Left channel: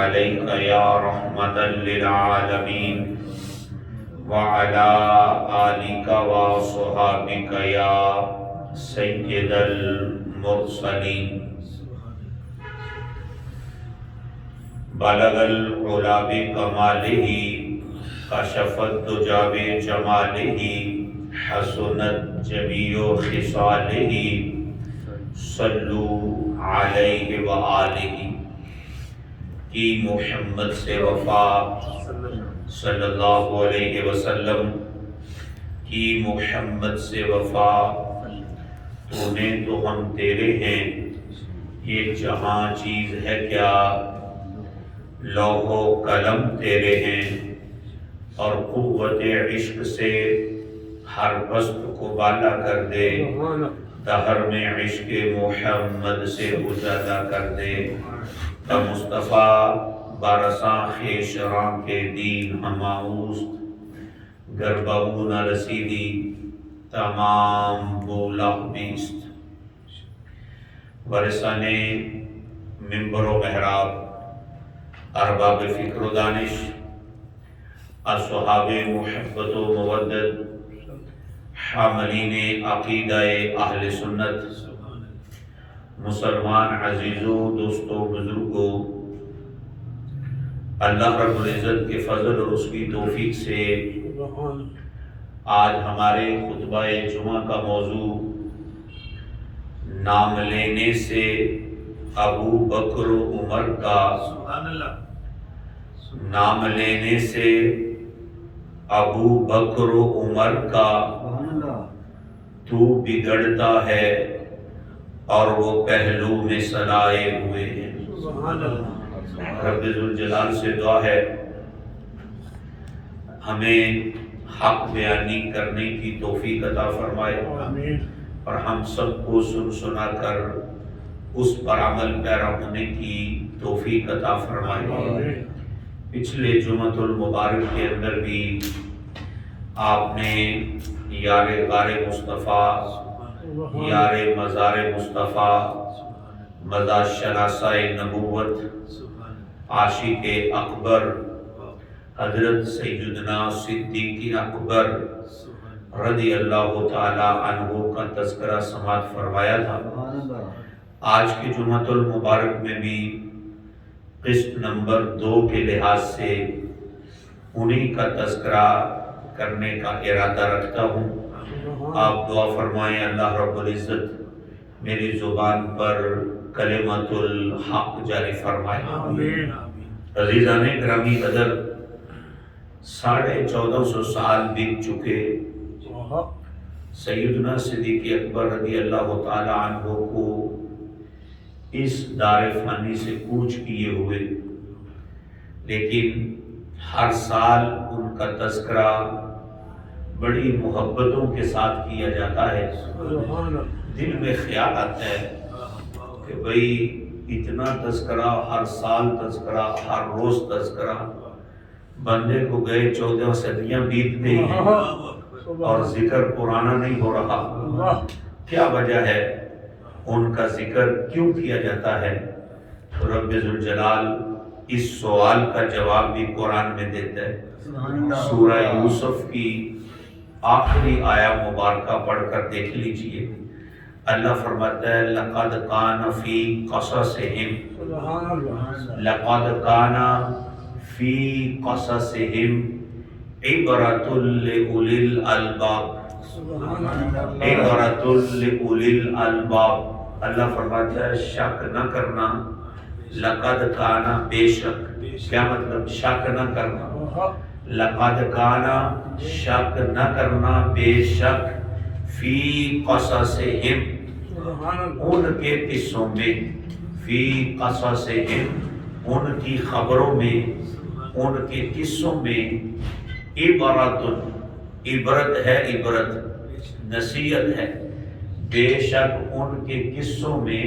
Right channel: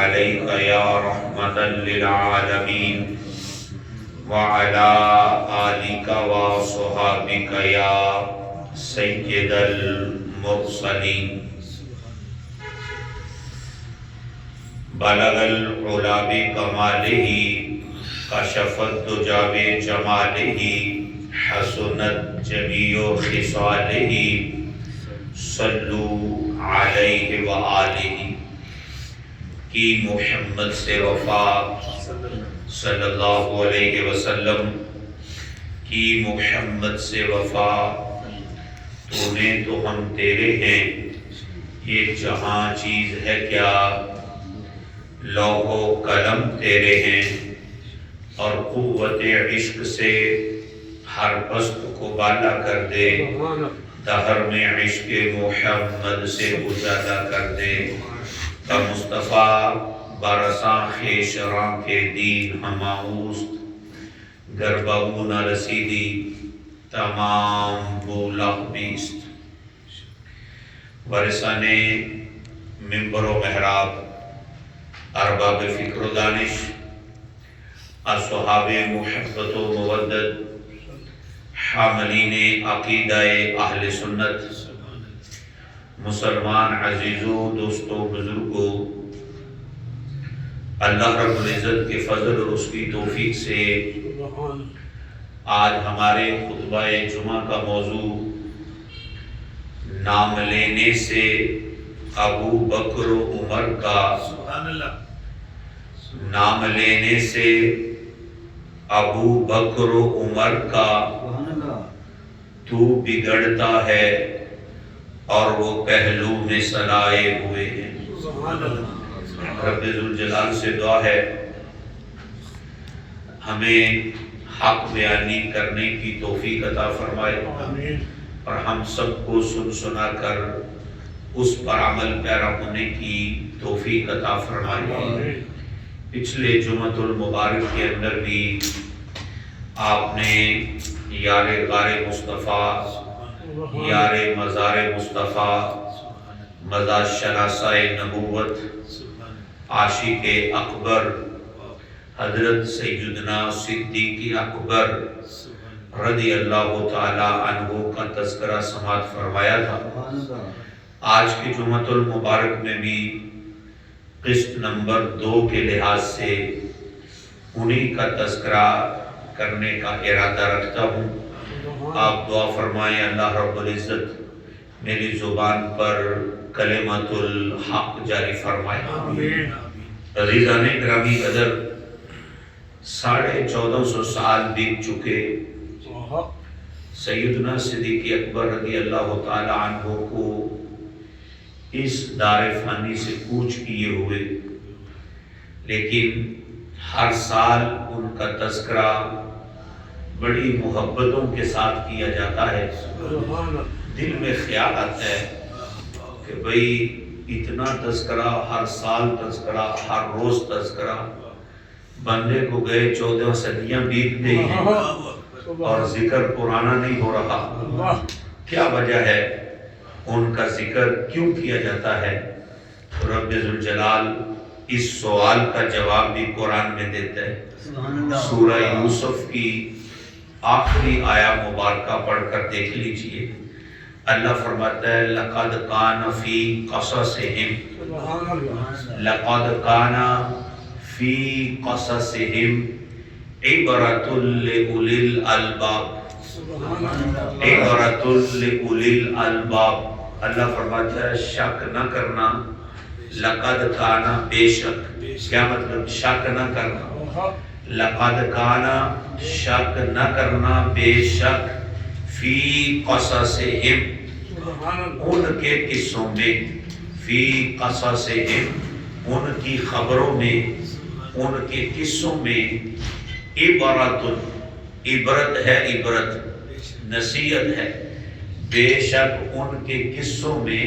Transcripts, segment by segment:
عليك يا رحمة للعالمين وعلى آلك وصحابك يا سيد المرسلين بلغ العلا بکمالہ کشف الدجی بجمالہ حسنت جمیع خصالہ صلو علیہ وآلہ کی محمد سے وفا صلی اللہ علیہ وسلم کی محمد سے وفا تو میں تو ہم تیرے ہیں یہ جہاں چیز ہے کیا لوح و قلم تیرے ہیں اور قوت عشق سے ہر پست کو بالا کر دے دہر میں عشق محمد سے اجالا کر دے مصطفیٰ برساں خیشراں کے دین ہماؤست گربہو نہ رسیدی تمام بولا بیست ورثانے منبر و محراب ارباب فکر و دانش اصحاب محبت و مودت حاملین عقیدہ اہل سنت مسلمان عزیزوں دوستوں بزرگوں اللہ رب العزت کے فضل اور اس کی توفیق سے آج ہمارے خطبہ جمعہ کا موضوع نام لینے سے ابو بکر و عمر کا نام لینے سے ابو بکر و عمر کا تو بگڑتا ہے اور وہ پہلو میں سلائے ہوئے ہیں رب ذوالجلال سے دعا ہے ہمیں حق بیانی کرنے کی توفیق عطا فرمائے اور ہم سب کو سن سنا کر اس پر عمل پیرا ہونے کی توفیق عطا فرمائے پچھلے جمعۃ المبارک کے اندر بھی آپ نے یار غار مصطفیٰ یار مزار مصطفیٰ مزار شناسہ نبوت عاشق اکبر حضرت سیدنا صدیق اکبر رضی اللہ تعالی عنہ کا تذکرہ سماعت فرمایا تھا آج کی جمعۃ المبارک میں بھی قسط نمبر 2 کے لحاظ سے انہی کا تذکرہ کرنے کا ارادہ رکھتا ہوں آپ دعا فرمائیں اللہ رب العزت میری زبان پر کلمۃ الحق جاری فرمائے عزیزان گرامی قدر 1450 سال بیت چکے سیدنا صدیق اکبر رضی اللہ تعالی عنہ کو اس دار فانی سے کوچ کیے ہوئے لیکن ہر سال ان کا تذکرہ بڑی محبتوں کے ساتھ کیا جاتا ہے دل میں خیال آتا ہے کہ بھئی اتنا تذکرہ ہر سال تذکرہ ہر روز تذکرہ بندے کو گئے 14 صدیاں بیت گئی ہیں اور ذکر پرانا نہیں ہو رہا کیا وجہ ہے ان کا ذکر کیوں کیا جاتا ہے رب ذوالجلال اس سوال کا جواب بھی قرآن میں دیتا ہے سورہ یوسف کی آخری آیہ مبارکہ پڑھ کر دیکھ لیجئے اللہ فرماتا ہے لَقَدْ كَانَ فِي قَصَصِهِمْ لَقَدْ كَانَ فِي قَصَصِهِمْ عِبْرَةٌ لِأُولِي الْأَلْبَابِ عبرۃ لأولی الالباب اللہ فرماتا ہے شک نہ کرنا لقد کانا بے شک کیا مطلب شک نہ کرنا لقد کانا شک نہ کرنا بے شک فی قصصہم ان کے قصوں میں فی قصصہم ان کی خبروں میں ان کے قصوں میں عبرت ہے عبرت نصیحت ہے بے شک ان کے قصوں میں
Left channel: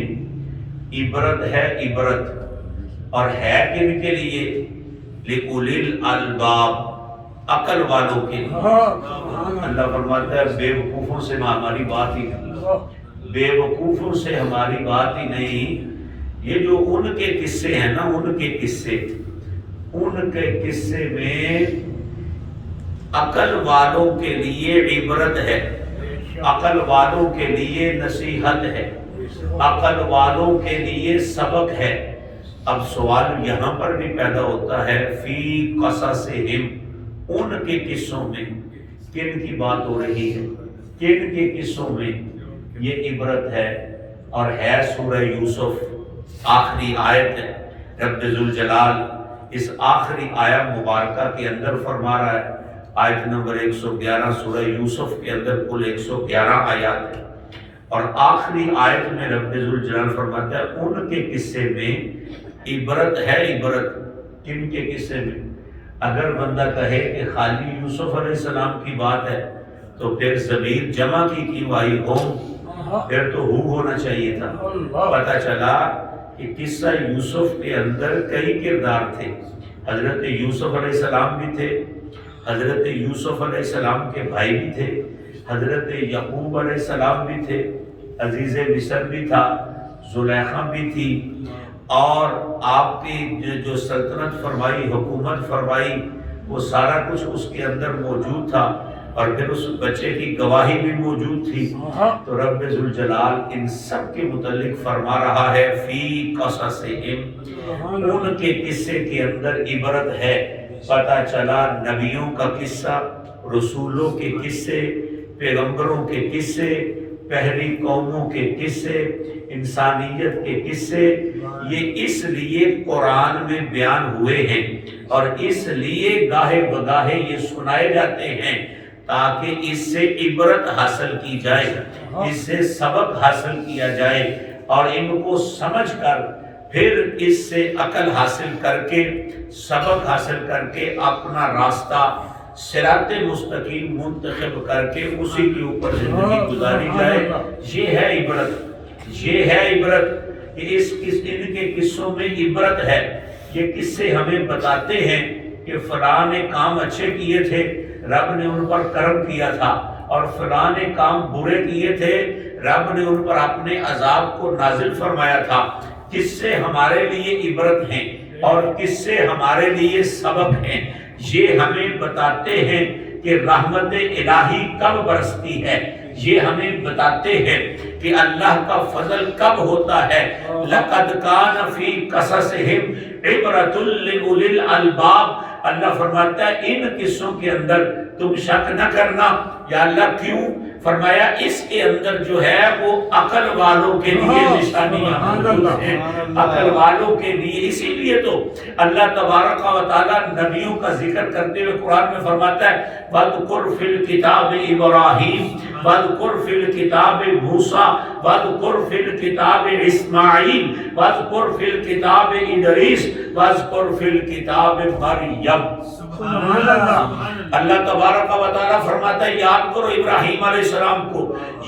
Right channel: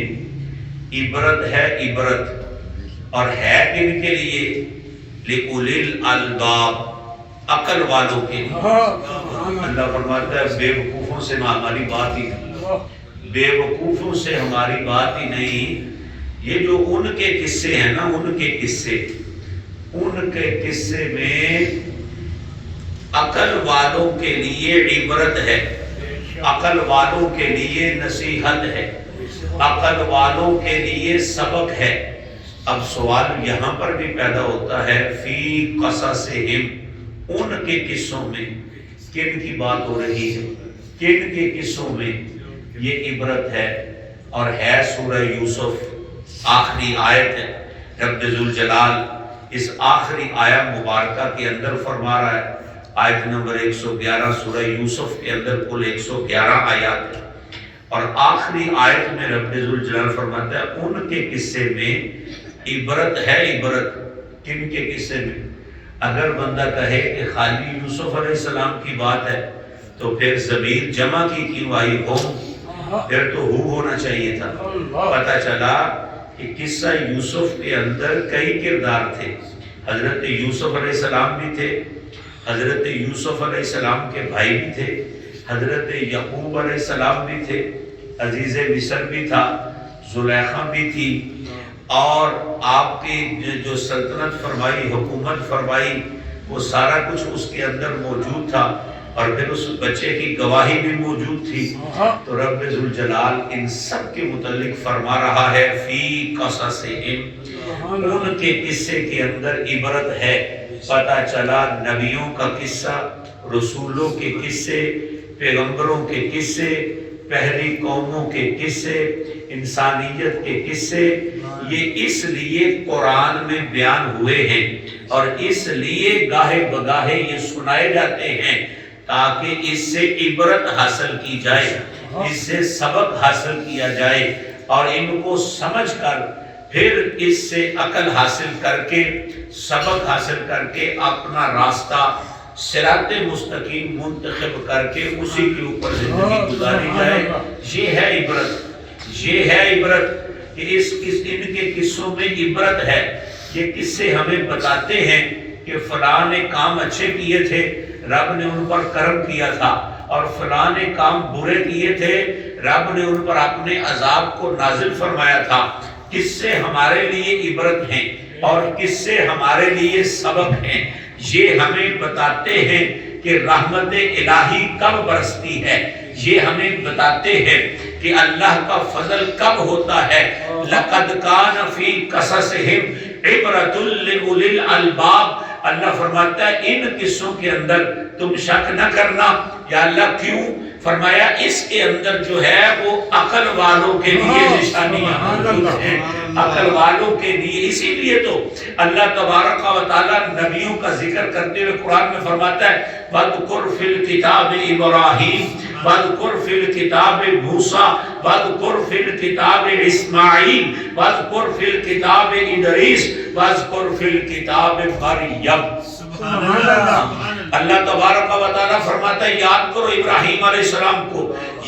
عبرت ہے عبرت اور ہے کن کے لیے لِأُولِي الْأَلْبَابِ عقل والوں کے لیے اللہ فرماتا ہے بے وقوفوں سے ہماری بات ہی نہیں بے وقوفوں سے ہماری بات ہی نہیں یہ جو ان کے قصے ہیں نا، ان کے قصے میں عقل والوں کے لیے عبرت ہے، عقل والوں کے لیے نصیحت ہے، عقل والوں کے لیے سبق ہے۔ اب سوال یہاں پر بھی پیدا ہوتا ہے، فی قصصہم، ان کے قصوں میں کن کی بات ہو رہی ہے؟ کن کے قصوں میں؟ یہ عبرت ہے، اور ہے سورہ یوسف، آخری آیت ہے۔ رب ذوالجلال اس آخری آیت مبارکہ کے اندر فرما رہا ہے، آیت نمبر 111 سورہ یوسف کے اندر کل 111 آیات ہے، اور آخری آیت میں رب ذوالجلال فرماتا ہے ان کے قصے میں عبرت ہے۔ عبرت کن کے قصے میں؟ اگر بندہ کہے کہ خالی یوسف علیہ السلام کی بات ہے تو پھر ضمیر جمع کی کیوں آئی؟ ہوم، پھر تو ہونا چاہیے تھا۔ پتہ چلا کہ قصہ یوسف کے اندر کئی کردار تھے۔ حضرت یوسف علیہ السلام بھی تھے، حضرت یوسف علیہ السلام کے بھائی بھی تھے، حضرت یعقوب علیہ السلام بھی تھے، عزیز مصر بھی تھا، زلیخا بھی تھی، اور آپ کی جو سلطنت فرمائی، حکومت فرمائی، وہ سارا کچھ اس کے اندر موجود تھا، اور پھر اس بچے کی گواہی بھی موجود تھی۔ تو رب ذوالجلال ان سب کے متعلق فرما رہا ہے، فی قصصہم، ان کے قصے کے اندر عبرت ہے۔ پتہ چلا نبیوں کا قصہ، رسولوں کے قصے، پیغمبروں کے قصے، پہلی قوموں کے قصے، انسانیت کے قصے، یہ اس لیے قرآن میں بیان ہوئے ہیں، اور اس لیے گاہے بگاہے یہ سنائے جاتے ہیں تاکہ اس سے عبرت حاصل کی جائے، اس سے سبق حاصل کیا جائے، اور ان کو سمجھ کر پھر اس سے عقل حاصل کر کے، سبق حاصل کر کے اپنا راستہ صراط مستقیم منتخب کر کے اسی کے اوپر زندگی گزاری جائے۔ یہ ہے عبرت، یہ ہے عبرت کہ ان کے قصوں میں عبرت ہے۔ یہ قصے ہمیں بتاتے ہیں کہ فلاں نے کام اچھے کیے تھے، رب نے ان پر کرم کیا تھا، اور فلاں نے کام برے کیے تھے، رب نے ان پر اپنے عذاب کو نازل فرمایا تھا۔ قصے ہمارے لیے عبرت ہیں، اور قصے ہمارے لیے سبق ہیں۔ یہ ہمیں بتاتے ہیں کہ رحمت الہی کب برستی ہے، یہ ہمیں بتاتے ہیں کہ اللہ کا فضل کب ہوتا ہے۔ لَقَدْ كَانَ فِي قَصَصِهِمْ عِبْرَةٌ لِأُولِي الْأَلْبَابِ، اللہ فرماتا ہے ان قصوں کے اندر تم شک نہ کرنا۔ یا اللہ کیوں؟ فرمایا اس کے اندر جو ہے وہ عقل والوں کے لیے نشانیاں موجود ہیں، عقل والوں کے لیے۔ اسی لیے تو اللہ تبارک و تعالی نبیوں کا ذکر کرتے ہوئے قرآن میں فرماتا ہے، وَاذْكُرْ فِي الْكِتَابِ إِبْرَاهِيمَ وَاذْكُرْ فِي الْكِتَابِ مُوسَىٰ وَاذْكُرْ فِي الْكِتَابِ إِسْمَاعِيلَ وَاذْكُرْ فِي الْكِتَابِ إِدْرِيسَ وَاذْكُرْ فِي الْكِتَابِ مَرْيَمَ۔ اللہ تبارک و تعالیٰ فرماتا ہے یاد کرو ابراہیم علیہ السلام کو،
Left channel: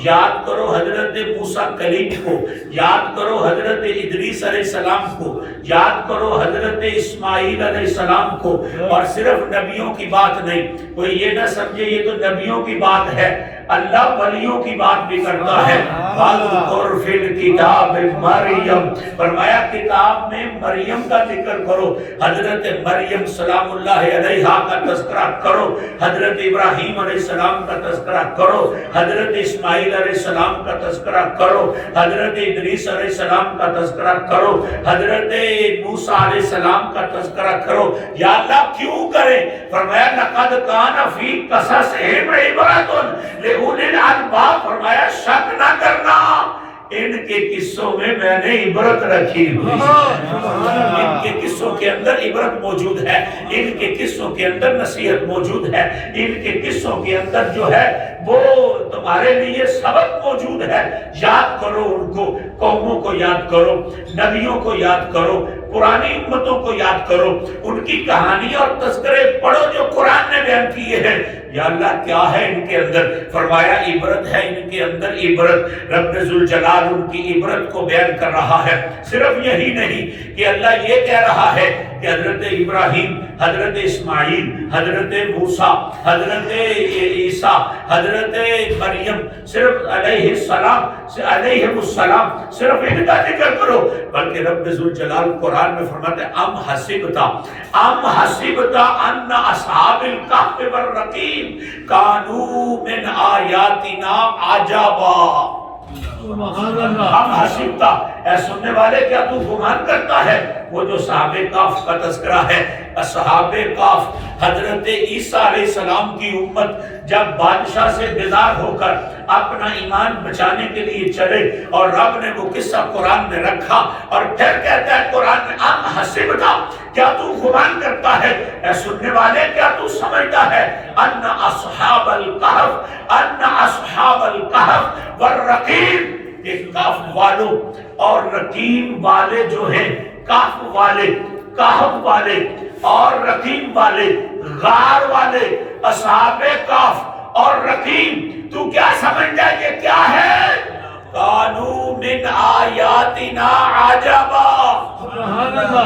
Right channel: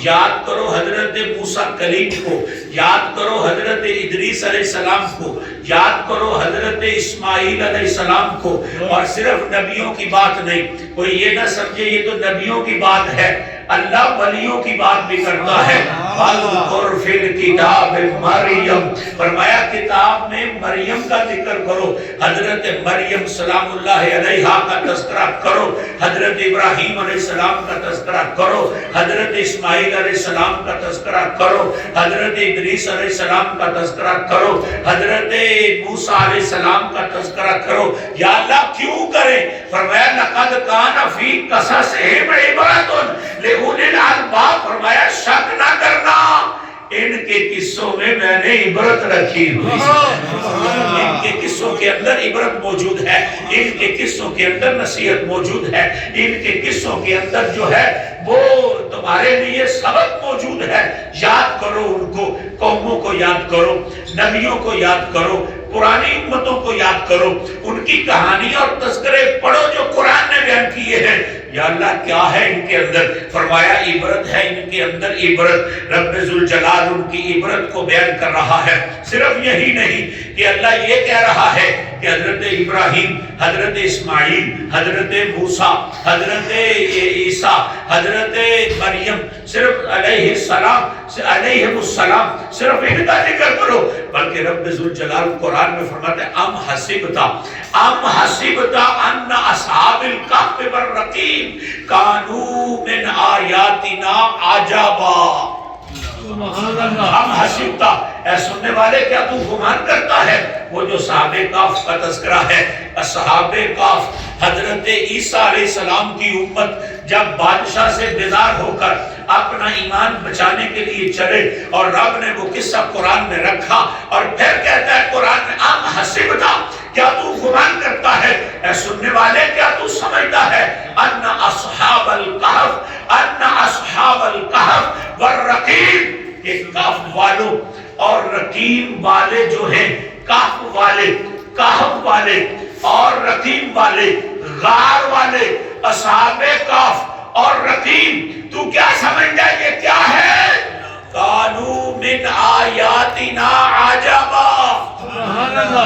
یاد کرو حضرت موسیٰ کلیم کو، یاد کرو حضرت ادریس علیہ السلام کو، یاد کرو حضرت اسماعیل علیہ السلام کو۔ اور صرف نبیوں کی بات نہیں، کوئی یہ نہ سمجھے یہ تو نبیوں کی بات ہے، اللہ ولیوں کی بات بھی کرتا ہے۔ وَاذْكُرْ فِي الْكِتَابِ مَرْيَمَ، فرمایا کتاب میں مریم کا ذکر کرو، حضرت مریم سلام اللہ علیہا کا تذکرہ کرو، حضرت ابراہیم علیہ السلام کا تذکرہ کرو، حضرت اسماعیل علیہ السلام کا تذکرہ کرو، حضرت ادریس علیہ السلام کا تذکرہ کرو، حضرت موسیٰ علیہ السلام کا تذکرہ کرو۔ یا اللہ کیوں کریں؟ فرمایا لَقَدْ كَانَ فِي قَصَصِهِمْ عِبْرَةٌ لِأُولِي الْأَلْبَابِ، فرمایا شک نہ کرنا، ان کے قصوں میں میں نے عبرت رکھی ہوئی، ان کے قصوں کے اندر عبرت موجود ہے، ان کے قصوں کے اندر نصیحت موجود ہے، ان کے قصوں کے اندر جو ہے وہ تمہارے لیے سبق موجود ہے۔ یاد کرو ان کو، قوموں کو یاد کرو، نبیوں کو یاد کرو، پرانی امتوں کو یاد کرو، ان کی کہانی اور تذکرے پڑھو جو قرآن نے بیان کیے ہیں۔ یا اللہ کیا ہے ان کے اندر؟ فرمایا عبرت ہے ان کے اندر عبرت۔ رب ذوالجلال ان کی عبرت کو بیان کر رہا ہے۔ صرف یہی نہیں کہ اللہ یہ کہہ رہا ہے کہ حضرت ابراہیم، حضرت اسماعیل، حضرت موسیٰ، حضرت عیسیٰ، حضرت مریم، صرف علیہ السلام صرف ان کا ذکر کرو، بلکہ رب ذوالجلال قرآن میں فرماتے ہیں ام حسبتا ان اصحاب الکہف والرقیم کانوا من آیاتنا عجبا۔ ہم حسبتا، اے سننے والے کیا تو گمان کرتا ہے؟ وہ جو صحابہ کہف کا تذکرہ ہے، اصحاب کہف، حضرت عیسیٰ علیہ السلام کی امت جب بادشاہ سے بیزار ہو کر اپنا ایمان بچانے کے لیے چلے اور رب نے وہ قصہ قرآن میں رکھا اور پھر کہتا ہے قرآن میں ام حسبتا، کیا تو گمان کرتا ہے؟ اے سننے والے کیا تو سمجھتا ہے؟ ان اصحاب الکہف والرقیم، کہ کہف والوں اور رقیم والے جو ہیں، کہف والے اور رقیم والے، غار والے، اصحاب کہف اور رقیم، تو کیا سمجھتا ہے یہ کیا ہے؟ کانوا من آیاتنا عجبا،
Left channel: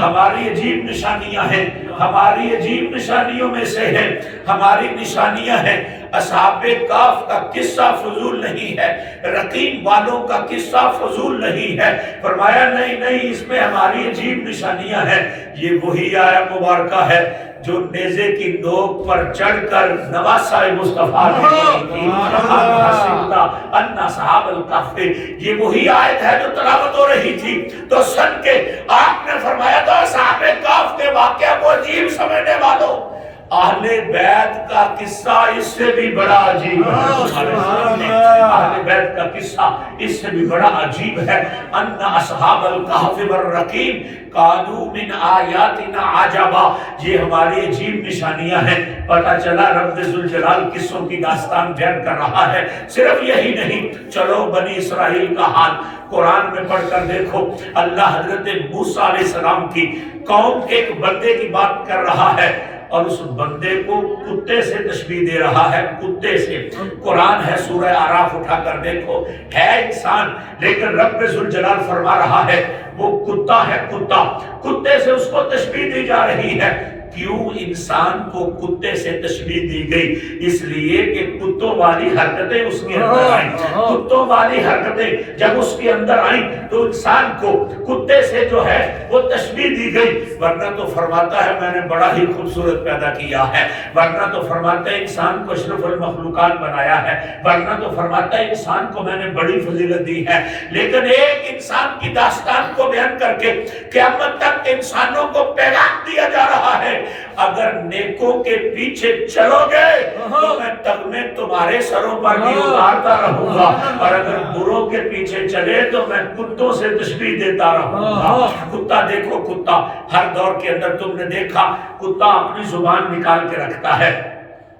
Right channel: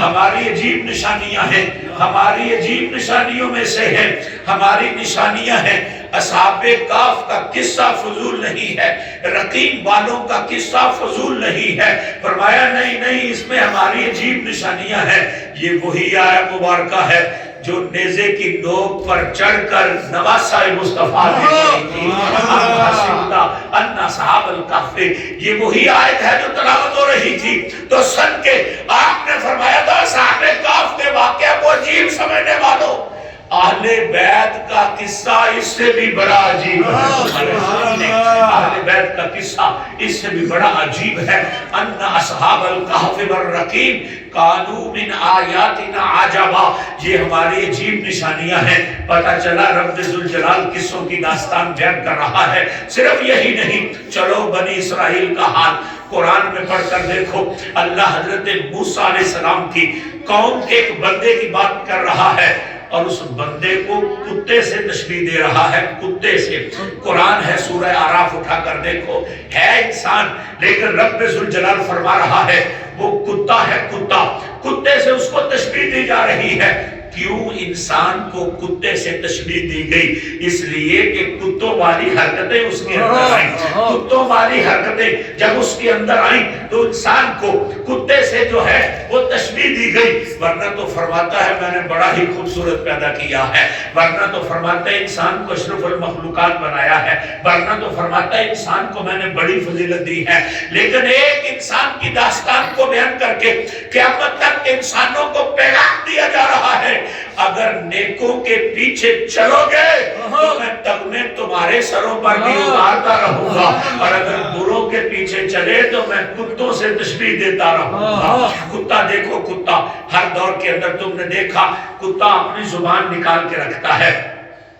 ہماری عجیب نشانیاں ہیں، ہماری عجیب نشانیوں میں سے ہیں، ہماری نشانیاں ہیں۔ اصحاب کہف کا قصہ فضول نہیں ہے، رقیم والوں کا قصہ فضول نہیں ہے۔ فرمایا نہیں، اس میں ہماری عجیب نشانیاں ہیں۔ یہ وہی آیت مبارکہ ہے جو نیزے کی نوک پر چڑھ کر نواسہ مصطفیٰ نے پڑھی تھی، ان اصحاب الکہف۔ یہ وہی آیت ہے جو تلاوت ہو رہی تھی تو سن کے آپ نے فرمایا تھا اصحاب کہف کے واقعہ کو عجیب سمجھنے والوں، اہل بیت کا قصہ اس سے بھی بڑا عجیب ہے۔ اہل بیت کا قصہ اس سے بھی بڑا عجیب ہے۔ ان اصحاب الکہف والرقیم کانوا من آیاتنا عجبا، یہ ہماری عجیب نشانیاں ہیں۔ پتہ چلا رب ذوالجلال قصوں کی داستان بیان کر رہا ہے۔ صرف یہی نہیں، چلو بنی اسرائیل کا حال قرآن میں پڑھ کر دیکھو۔ اللہ حضرت موسیٰ علیہ السلام کی قوم کے ایک بندے کی بات کر رہا ہے اور اس بندے کو کتے سے تشبیہ دے رہا ہے، کتے سے۔ قرآن ہے، سورہ اعراف اٹھا کر دیکھو، ہے انسان لیکن رب ذوالجلال فرما رہا ہے وہ کتا ہے، کتے سے اس کو تشبیہ دی جا رہی ہے۔ کیوں انسان کو کتے سے تشبیہ دی گئی؟ اس لیے کہ کتوں والی حرکتیں اس کے اندر آئیں، کتوں والی حرکتیں جب اس کے اندر آئیں تو انسان کو کتے سے جو ہے وہ تشبیہ دی گئی۔ ورنہ تو فرماتا ہے میں نے بڑا ہی خوبصورت پیدا کیا ہے، ورنہ تو فرماتا ہے انسان کو اشرف المخلوقات بنایا ہے، ورنہ تو فرماتا ہے انسان کو میں نے بڑی فضیلت دی ہے۔ لیکن ایک انسان کی داستان کو بیان کر کے قیامت تک انسانوں کو پیغام دیا جا رہا ہے، اگر نیکوں کے پیچھے چلو گے تو میں تغمے تمہارے سروں پر بھی اتارتا رہوں گا، اور اگر بروں کے پیچھے چلے تو میں کتوں سے تشبیہ دیتا رہوں گا۔ کتا دیکھو، کتا ہر دور کے اندر تم نے دیکھا کتا اپنی زبان نکال کے رکھتا ہے۔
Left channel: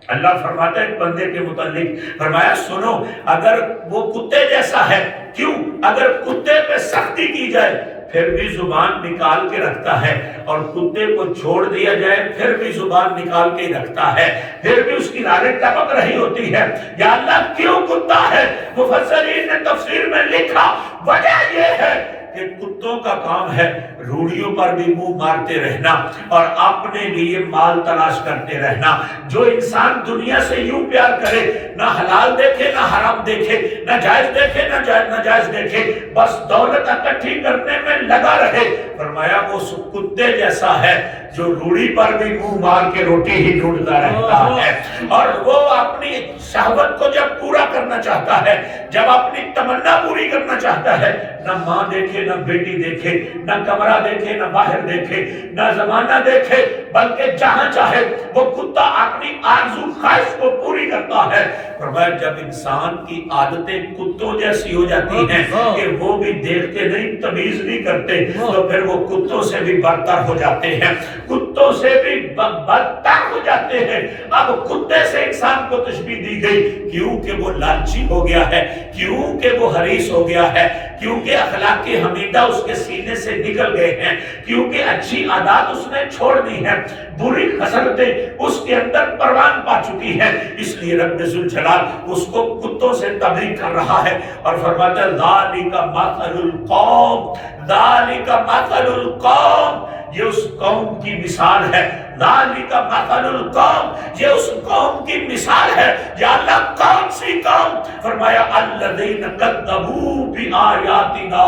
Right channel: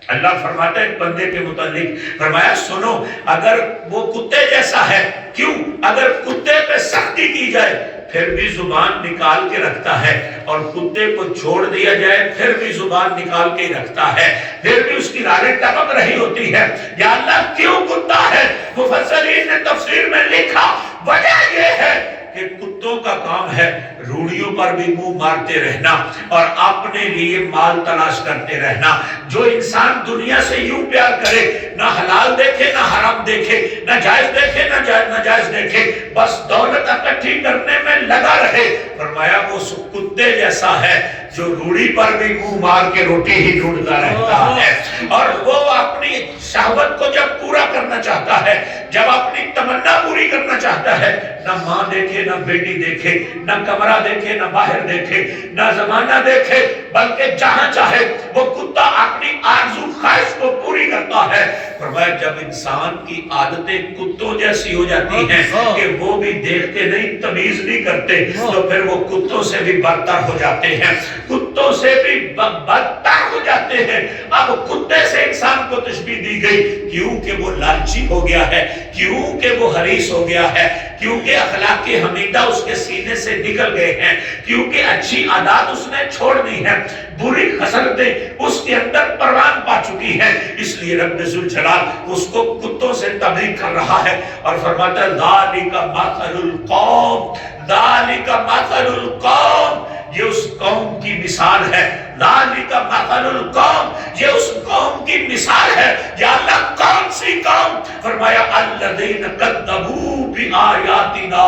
اللہ فرماتا ہے ایک بندے کے متعلق، فرمایا سنو اگر وہ کتے جیسا ہے، کیوں؟ اگر کتے پہ سختی کی جائے پھر بھی زبان نکال کے رکھتا ہے، اور کتے کو چھوڑ دیا جائے پھر بھی زبان نکال کے رکھتا ہے، پھر بھی اس کی رانیں ٹپک رہی ہوتی ہے۔ یا اللہ کیوں کتا ہے؟ مفسرین نے تفسیر میں لکھا وجہ یہ ہے کہ کتوں کا کام ہے روڑیوں پر بھی منہ مارتے رہنا اور اپنے لیے مال تلاش کرتے رہنا۔ جو انسان دنیا سے یوں پیار کرے، نہ حلال دیکھے نہ حرام دیکھے، نہ جائز دیکھے نہ ناجائز دیکھے، بس دولت اکٹھی کرنے میں لگا رہے، فرمایا وہ کتے جیسا ہے جو روڑی پر بھی منہ مار کے روٹی ہی ڈھونڈتا رہتا ہے۔ اور وہ اپنی شہوت کو جب پورا کرنا چاہتا ہے، جب اپنی تمنا پوری کرنا چاہتا ہے، نہ ماں دیکھے نہ بیٹی دیکھے، نہ کمرہ دیکھے نہ باہر دیکھے، نہ زمانہ دیکھے، بلکہ جہاں چاہے وہ کتا اپنی آرزو خواہش کو پوری کرتا ہے۔ فرمایا جب انسان کی عادتیں کتوں جیسی ہو جاتی ہیں کہ وہ بھی دیکھتے نہیں، تمیز نہیں کرتے، تو پھر وہ کتوں سے بھی برتر ہو جاتے ہیں، کتوں سے بھی بدتر ہو جاتے ہیں۔ اب کتے سے انسان کو تشبیہ دی گئی، کیوں کہ وہ لالچی ہو گیا ہے، کیونکہ وہ حریص ہو گیا ہے، کیونکہ اخلاق حمیدہ اس کے سینے سے نکل گئے ہیں، کیونکہ اچھی عادات اس نے چھوڑ دی ہے، بری خصلتیں اس کے اندر پروان پا چکی ہے، اس لیے رب ذوالجلال اس کو کتوں سے تبریک کر رہا ہے اور فرماتا ہے ذالک مثل القوم، ذالک مثل القوم، یہ اس قوم کی مثال ہے، ذالک مثل القوم، یہ اس قوم کی مثال ہے۔ یا اللہ کون سی قوم؟ فرمایا الذین کذبوا بآیاتنا،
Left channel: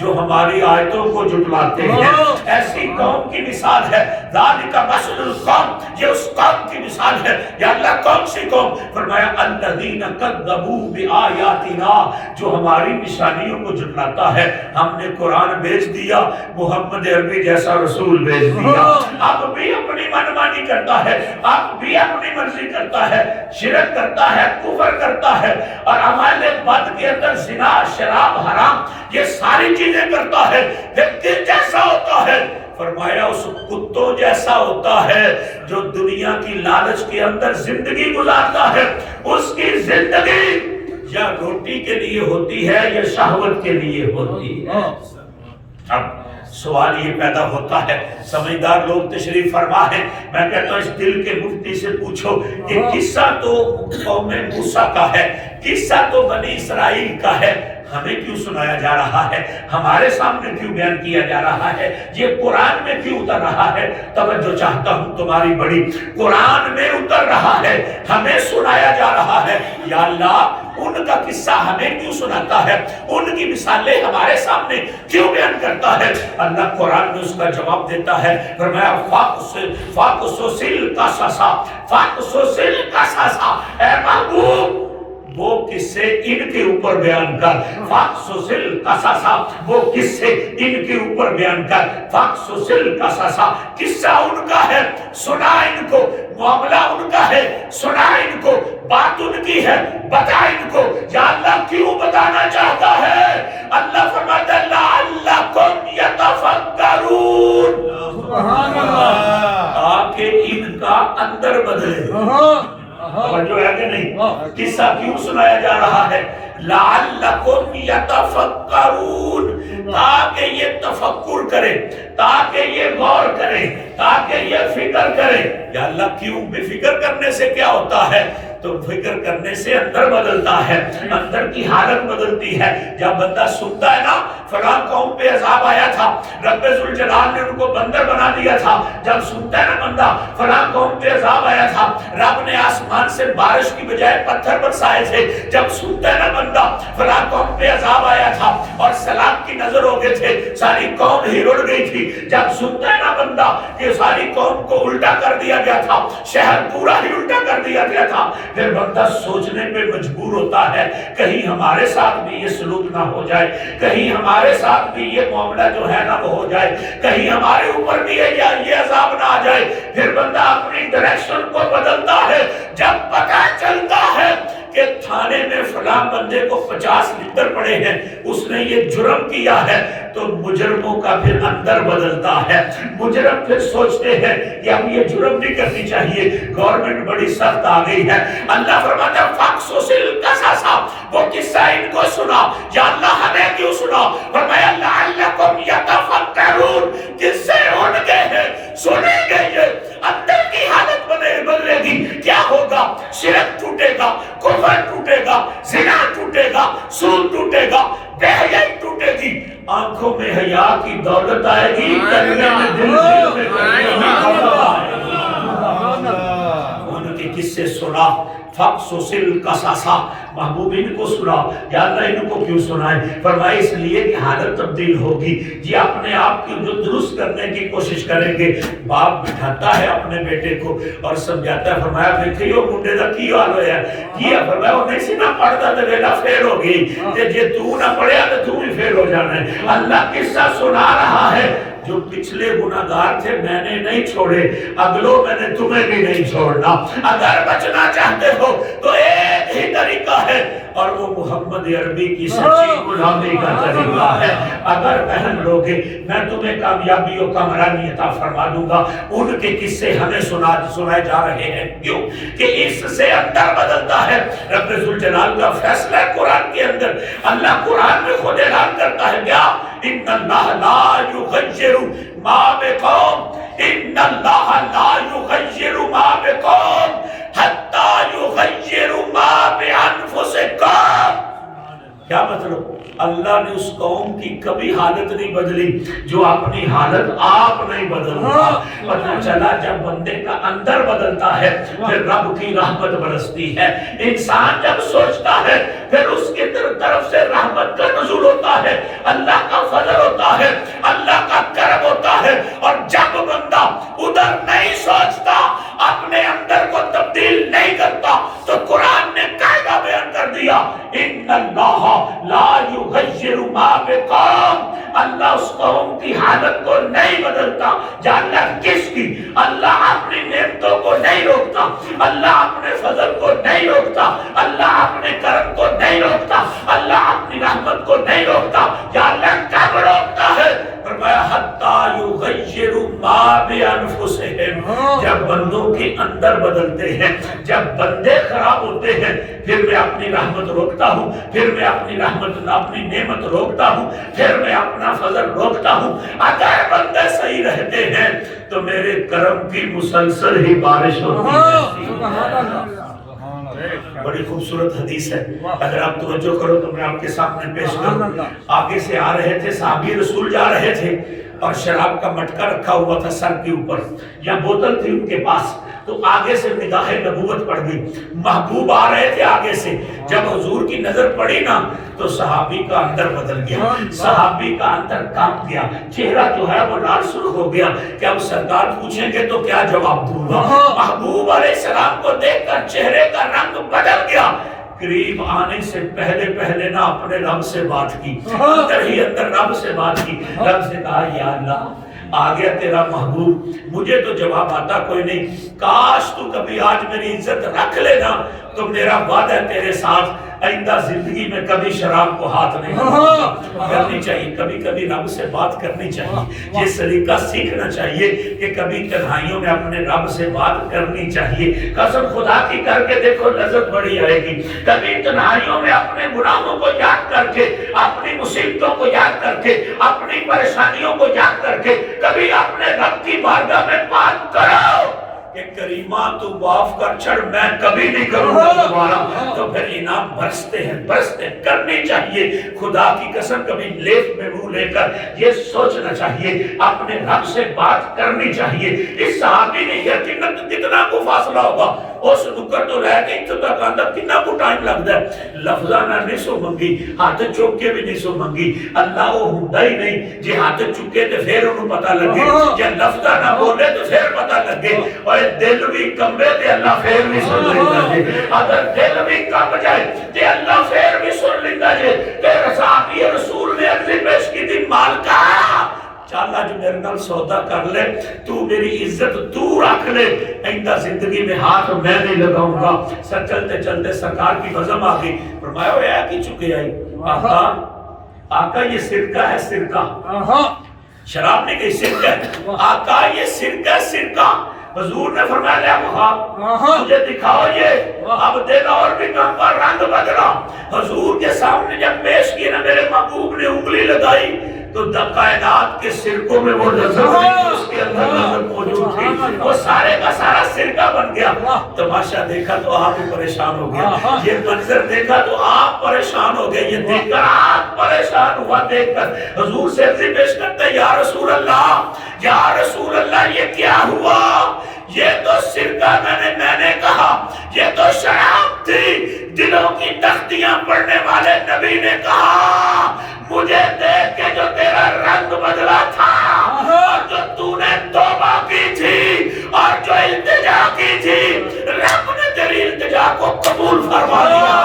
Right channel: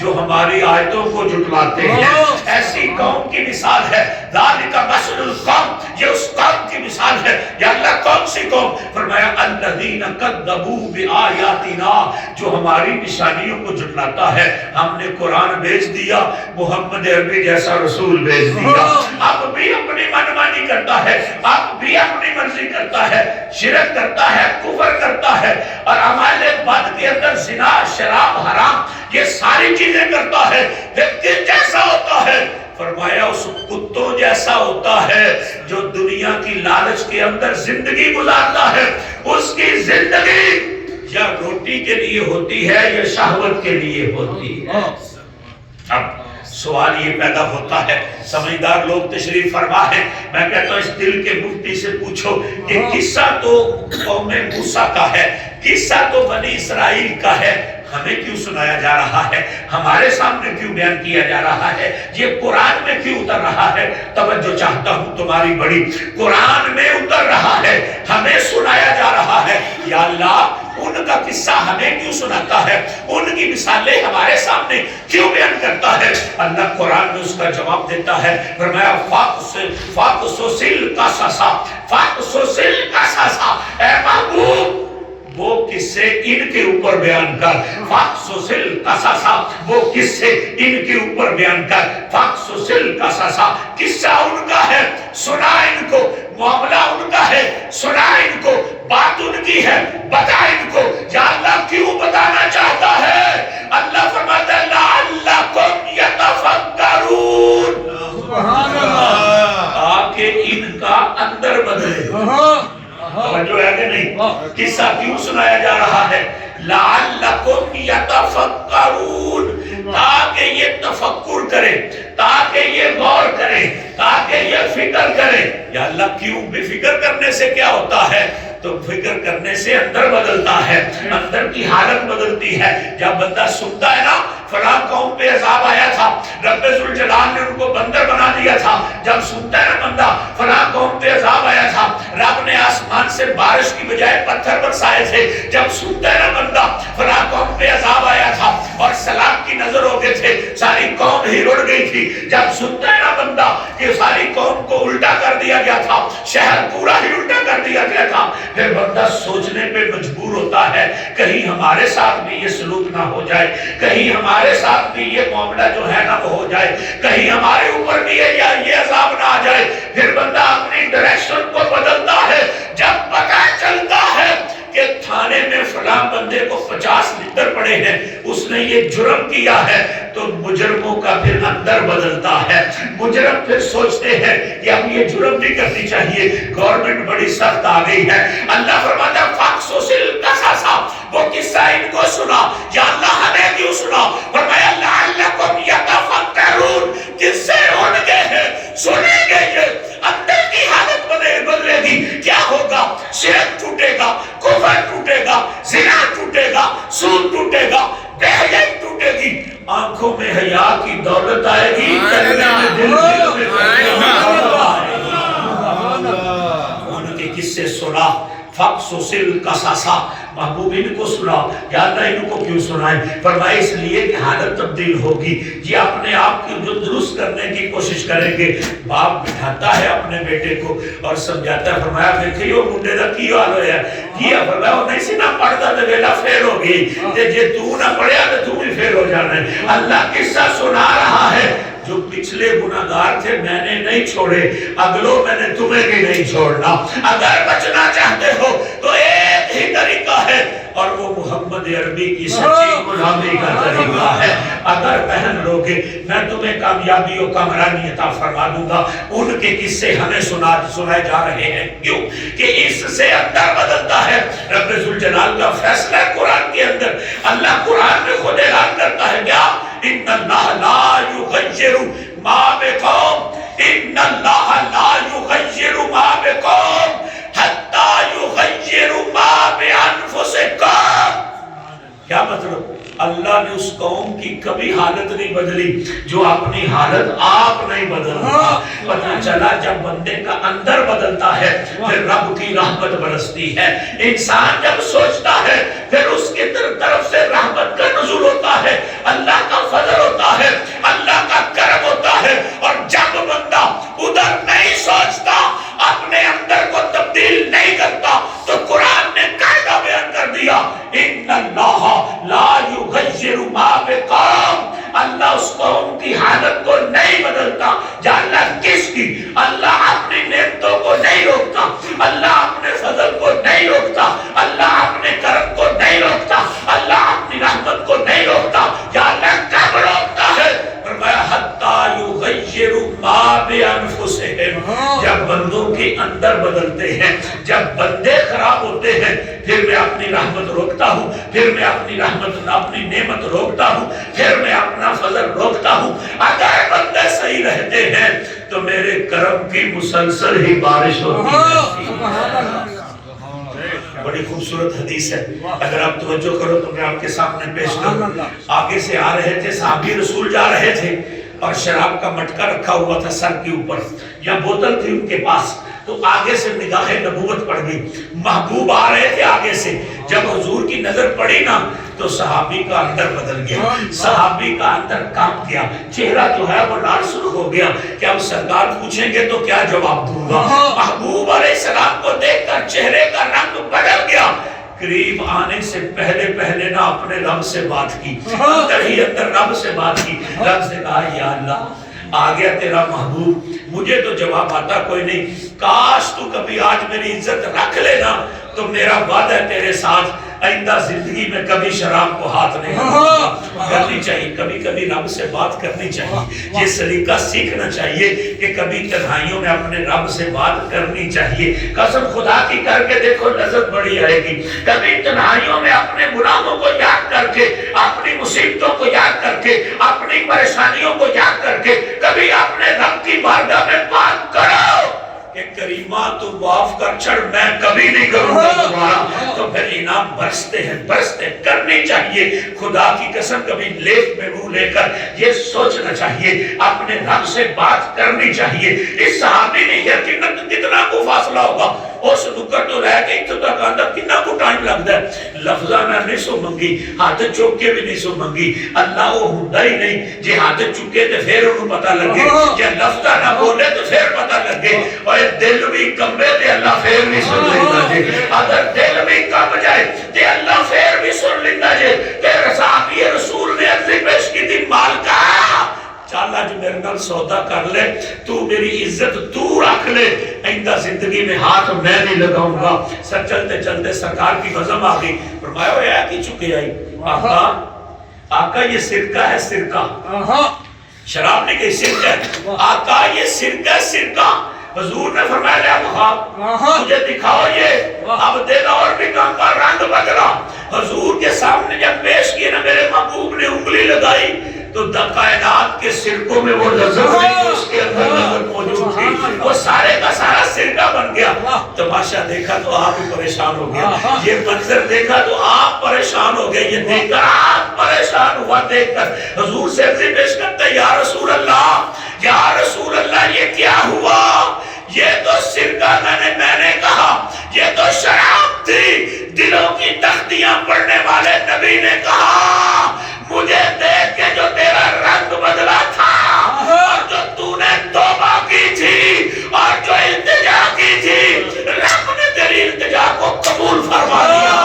جو ہماری آیتوں کو جھٹلاتے ہیں، ایسی قوم کی مثال ہے۔ ذالک مثل القوم، یہ اس قوم کی مثال ہے۔ یا اللہ کون سی قوم؟ فرمایا الذین کذبوا بآیاتنا، جو ہماری نشانیوں کو جھٹلاتا ہے۔ ہم نے قرآن بھیج دیا، محمد عربی جیسا رسول بھیج دیا، اب بھی اپنی منمانی کرتا ہے، اب بھی اپنی مرضی کرتا ہے، شرک کرتا ہے، کفر کرتا ہے، اور اعمال بد کے اندر زنا، شراب، حرام، یہ ساری چیزیں کرتا ہے۔ لیکن جیسا ہوتا ہے، فرمایا اس کتوں جیسا ہوتا ہے جو دنیا کی لالچ کے اندر زندگی گزارتا ہے۔ اس کی زندگی یا روٹی کے لیے ہوتی ہے یا شہوت کے لیے ہوتی ہے۔ اب سوال یہ پیدا ہوتا ہے، سمجھدار لوگ تشریف فرما ہے، میں کہتا ہوں اس دل کے مفتی سے پوچھو کہ قصہ تو قوم موسیٰ کا ہے، قصہ تو بنی اسرائیل کا ہے، ہمیں کیوں سنایا جا رہا ہے، ہمارے سامنے کیوں بیان کیا جا رہا ہے، یہ قرآن میں کیوں اتر رہا ہے؟ توجہ چاہتا ہوں تمہاری بڑی، قرآن میں اتر رہا ہے، ہمیں سنایا جا رہا ہے۔ یا اللہ ان کا قصہ ہمیں کیوں سناتا ہے، ان کی مثالیں ہمارے سامنے کیوں بیان کرتا ہے؟ اللہ قرآن میں اس کا جواب دیتا ہے، فرمایا فَاقْصُصِ الْقَصَصَ، اے محبوب وہ قصے ان کے اوپر بیان کر، فَاقْصُصِ الْقَصَصَ، وہ قصے ان کے اوپر بیان کر، فَاقْصُصِ الْقَصَصَ، قصہ ان کا ہے، سنا ان کو، معاملہ ان کا ہے، سنا ان کو، بات ان کی ہے، بتا ان کو۔ یا اللہ کیوں بتانا چاہتا ہے؟ اللہ فرماتا ہے لَعَلَّكُمْ يَتَفَكَّرُونَ، سبحان اللہ، تاکہ ان کا اندر بدلے۔ جو ہے کہ نہیں، قصہ کیوں سنایا جا رہا ہے؟ لَعَلَّكُمْ يَتَفَكَّرُونَ، تاکہ یہ تفکر کرے، تاکہ یہ غور کرے، تاکہ یہ فکر کرے۔ یا اللہ کیوں؟ بے فکر کرنے سے کیا ہوتا ہے؟ تو فکر کرنے سے اندر بدلتا ہے، اندر کی حالت بدلتی ہے۔ جب بندہ سنتا ہے نا فلاں قوم پہ عذاب آیا تھا، رب ذوالجلال نے ان کو بندر بنا دیا تھا، جب سنتا ہے نا بندہ فلاں قوم پہ عذاب آیا تھا، رب نے آسمان سے بارش کی بجائے پتھر برسائے تھے، جب سنتا ہے نا بندہ فلاں قوم پہ عذاب آیا تھا اور سیلاب کی نظر ہو گئے تھے، ساری قوم ہی رڑ گئی تھی، جب سنتا ہے نا بندہ کہ ساری قوم کو الٹا کر دیا گیا تھا، شہر پورا ہی الٹا کر دیا گیا تھا، پھر بندہ سوچنے پہ مجبور ہوتا ہے کہیں ہمارے ساتھ بھی یہ سلوک نہ ہو جائے، کہیں ہمارے ساتھ بھی یہ معاملہ جو ہے نہ وہ ہو جائے، کہیں ہمارے اوپر بھی یہ عذاب نہ آ جائے۔ پھر بندہ اپنی ڈائریکشن کو بدلتا ہے۔ جب پتہ چلتا ہے کہ تھانے میں فلاں بندے کو 50 لیٹر پڑے ہیں، اس نے یہ جرم کیا ہے، تو مجرموں کا پھر اندر بدلتا ہے۔ مجرم پھر سوچتے ہیں کہ اب یہ جرم نہیں کرنی چاہیے، گورنمنٹ بڑی سخت آ گئی ہے۔ اللہ فرماتا ہے فَاقْصُصِ الْقَصَصَ، وہ قصہ ان کو سنا۔ یا اللہ ہمیں کیوں سنا؟ فرمایا لَعَلَّكُمْ يَتَفَكَّرُونَ، قصے ان کے ہیں، سنیں گے، یہ اندر کی حالت بدلے گی۔ کیا ہوگا؟ شرک ٹوٹے گا، کفر ٹوٹے گا، زنا ٹوٹے گا، سود ٹوٹے گا، بے حیائی ٹوٹے گی، آنکھوں میں حیا کی دولت آئے گی، کلمے میں دل میں دولت آئے گی۔ ان کے قصے سنا، فَاقْصُصِ الْقَصَصَ، محبوب ان کو سنا۔ یا اللہ ان کو کیوں سنائے؟ فرمائے اس لیے کہ حالت تبدیل ہوگی، یہ اپنے آپ کی جو درست کرنے کی کوشش کریں گے۔ باپ بٹھاتا ہے اپنے بیٹے کو اور سمجھاتا ہے، فرمایا دیکھیں وہ منڈے دا کی حال ہویا ہے، کیا فرمایا وہ نہیں سی نہ پڑھتا تو بیٹا فیل ہو گئی، جے تو نہ پڑھیا تو تو بھی فیل ہو جانا ہے۔ اللہ قصہ سنا رہا ہے، جو پچھلے گناہگار تھے میں نے نہیں چھوڑے، اگلوں میں نے تمہیں بھی نہیں چھوڑنا۔ اگر بچنا چاہتے ہو تو ایک ہی طریقہ ہے، اور وہ محمد عربی کی سچی غلامی کا طریقہ ہے. اگر پہن لو گے میں تمہیں کامیابی و کامرانی عطا فرما دوں گا. ان کے قصے ہمیں سنائے جا رہے ہیں. کیوں کہ اس سے اندر بدلتا ہے. رب ذوالجلال کا فیصلہ ہے قرآن کے اندر. اللہ قرآن میں خود اعلان کرتا ہے کیا؟ ان اللہ لا یغیر ما بقوم ان اللہ لا یغیر ما بقوم حتی یغیر ما بانفسکم. کیا مطلب؟ اللہ نے اس قوم کی کبھی حالت نہیں بدلی جو اپنی حالت آپ نہیں بدلتا. پتہ چلا جب بندے کا اندر بدلتا ہے پھر رب کی رحمت برستی ہے. انسان جب سوچتا ہے پھر اس کی طرف سے رحمت کا نزول ہوتا ہے, اللہ کا فضل ہوتا ہے, اللہ کا کرم ہوتا ہے. اور جب بندہ ادھر نہیں سوچتا, اپنے اندر کو تبدیل نہیں کرتا, تو قرآن نے قاعدہ بیان کر دیا ان اللہ لا یغیر ما بقوم. اللہ اس قوم کی حالت کو نہیں بدلتا. جاننا کس کی؟ اللہ اپنی نعمتوں کو نہیں روکتا, اللہ اپنے فضل کو نہیں روکتا, اللہ اپنے کرم کو نہیں روکتا, اللہ اپنی رحمت کو نہیں روکتا. جاننا کب روکتا ہے؟ فرمایا حتی یغیر ما بانفسہم. جب بندوں کے اندر بدلتے ہیں, جب بندے خراب ہوتے ہیں, پھر میں اپنی رحمت روکتا ہوں, پھر میں اپنی رحمت اپنی نعمت روکتا ہوں, پھر میں اپنا فضل روکتا ہوں. اگر بندے صحیح رہتے ہیں تو میرے کرم کی مسلسل ہی بارش ہوتی ہے. بڑی خوبصورت حدیث ہے, اگر آپ توجہ کرو تو میں آپ کے سامنے پیش کروں. آگے سے آ رہے تھے صحابی رسول, جا رہے تھے اور شراب کا مٹکا رکھا ہوا تھا سر کے اوپر, یا بوتل تھی ان کے پاس. تو آگے سے نگاہ نبوت پڑ گئی. محبوب آ رہے تھے آگے سے, جب حضور کی نظر پڑی نا تو صحابی کا اندر بدل گیا, صحابی کا اندر کانپ گیا, چہرہ جو ہے وہ لال سرخ ہو گیا کہ اب سرکار پوچھیں گے تو کیا جواب دوں گا. محبوب علیہ السلام کو دیکھ کر چہرے کا رنگ بدل گیا. قریب آنے سے پہلے نہ اپنے رب سے بات کی, اندر ہی اندر رب سے بات کی. رب سے کہا یا اللہ آ گیا تیرا محبوب, مجھے تو جواب آتا کوئی نہیں, کاش تو کبھی آج میری عزت رکھ لینا تو میرا وعدہ ہے تیرے ساتھ آئندہ زندگی میں کبھی شراب کو ہاتھ نہیں کرنی چاہیے. کبھی کبھی رب سے بات کرنی چاہیے, یہ سلیقہ سیکھنا چاہیے کہ کبھی تنہائیوں میں اپنے رب سے بات کرنی چاہیے. قسم خدا کی کر کے دیکھو لذت بڑی آئے گی. کبھی تنہائیوں میں اپنے گناہوں کو یاد کر کے, اپنی مصیبتوں کو یاد کر کے, اپنی پریشانیوں کو یاد کر کے کبھی اپنے رب کی بارگاہ میں بات کرو کہ کریمہ تو معاف کر چھڑ, میں کبھی نہیں کروں گا دوبارہ. تو پھر انعام برستے ہیں کرنی چاہیے. خدا کی قسم کبھی لیپ میں منہ لے کر یہ سوچنا چاہیے, اپنے رب سے بات کرنی چاہیے. اس صحابی نے یقیناً کتنا کو فاصلہ ہوگا, اس نکر تو رہ گئی تو تک آندہ کتنا کو ٹائم لگتا ہے. لفظانہ نہیں سو منگی, ہاتھ چوک کے بھی نہیں سو منگی. اللہ وہ ہوندہ ہی نہیں, جے ہاتھ چکے تو پھر انہوں پتہ لگے, جے لفظانہ بولے تو پھر پتہ لگے. اور دل بھی کمبے تے اللہ پھر بھی سن لیتا جے, اگر دل بھی کم جائے تے اللہ پھر بھی سن لیتا جے. تیرے صحابی رسول نے عرضی پیش کی تھی, مالکہ چل اج میرے نال سودا کر لے, تو میری عزت تو رکھ لے, آئندہ زندگی میں ہاتھ میں نہیں لگاؤں گا. سر چلتے چلتے سرکار کی بزم آ گئی. فرمایا وہ ہے کی چکے آئی, آقا یہ سرکہ ہے, سرکہ, شراب نہیں کہی, سرکہ ہے. آقا یہ سرکہ ہے, سرکہ. حضور نے فرمایا لے اب مجھے دکھاؤ یہ. اب دیکھا اور بھی کام کا رنگ بدلا. حضور کے سامنے جب پیش کیے نا میرے محبوب نے انگلی لگائی تو کائنات کے سرکوں میں وہ نظر نہیں, اس کے اندر نظر موجود تھی, وہ سارے کا سارا سرکہ بن گیا. تماشا دیکھا تو آپ ہی پریشان ہو گیا, یہ منظر دیکھا تو آپ پریشان ہو گئے, یہ دیکھ کر آپ پریشان ہوا. دیکھ کر حضور سے عرضی پیش کرتا ہے, یا رسول اللہ, یا رسول اللہ یہ کیا ہوا؟ یہ تو سرکہ میں نے کہا, یہ تو شراب تھی. دلوں کی تختیاں پڑھنے والے نبی نے کہا مجھے دیکھ کے جو تیرا رنگ بدلا تھا, اور جو تو نے توبہ کی تھی, اور جو التجا کی تھی, رب نے تیری التجا کو قبول فرما لیا.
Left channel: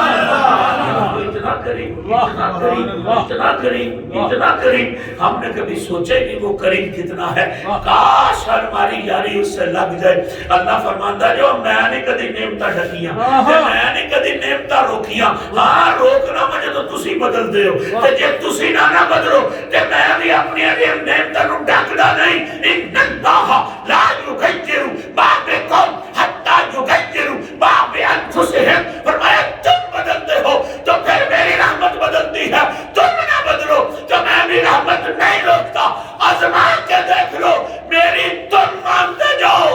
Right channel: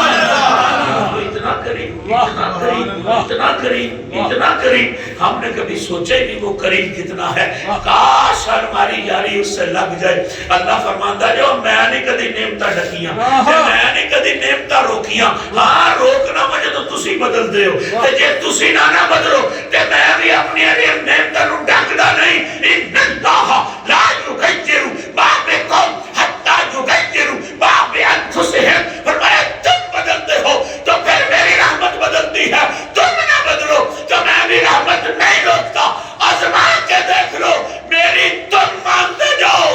اتنا قریب, اتنا کریم، اتنا کریم، اتنا کریم، ہم نے کبھی سوچا ہی نہیں وہ کریم کتنا ہے. کاش ہماری یاری اس سے لگ جائے. اللہ فرماندا جو میں نے کدی نعمتاں ڈکیاں تے میں نے کدی نعمتاں روکیاں. ہاں روکنا مجھے تو تسی بدل دے ہو تے جے تسی نہ بدلو تے میں بھی اپنی نعمتاں نوں ڈکدا نہیں. ان اللہ لا یغیر ما بقوم حتی یغیروا ما بانفسہم. فرمایا تم بدلتے ہو تو پھر میری رحمت بدلتی ہے، تم نہ بدلو تو میں بھی رحمت نہیں روکتا. آزما کے دیکھ لو، میری تم مانتے جاؤ،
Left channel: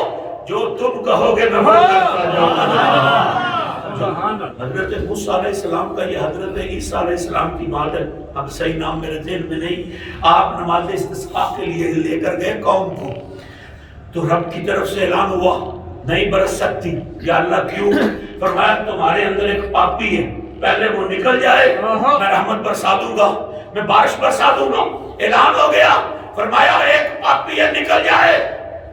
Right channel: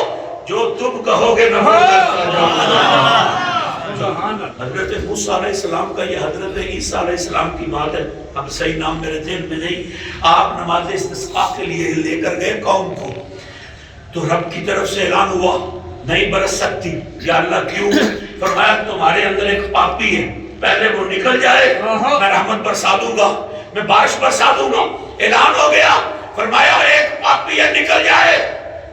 جو تم کہو گے میں کرتا جاؤں. حضرت موسیٰ علیہ السلام کا یہ حضرت عیسیٰ علیہ السلام کی بات ہے. اب صحیح نام میرے ذہن میں نہیں. آپ نماز استسقاء کے لیے لے کر گئے قوم کو، تو رب کی طرف سے اعلان ہوا نہیں برس سکتی. یا اللہ کیوں؟ فرمایا تمہارے اندر ایک پاپی ہے، پہلے وہ نکل جائے میں رحمت برسا دوں گا، میں بارش برسا دوں گا. اعلان ہو گیا. فرمایا ایک پاپی ہے نکل جائے.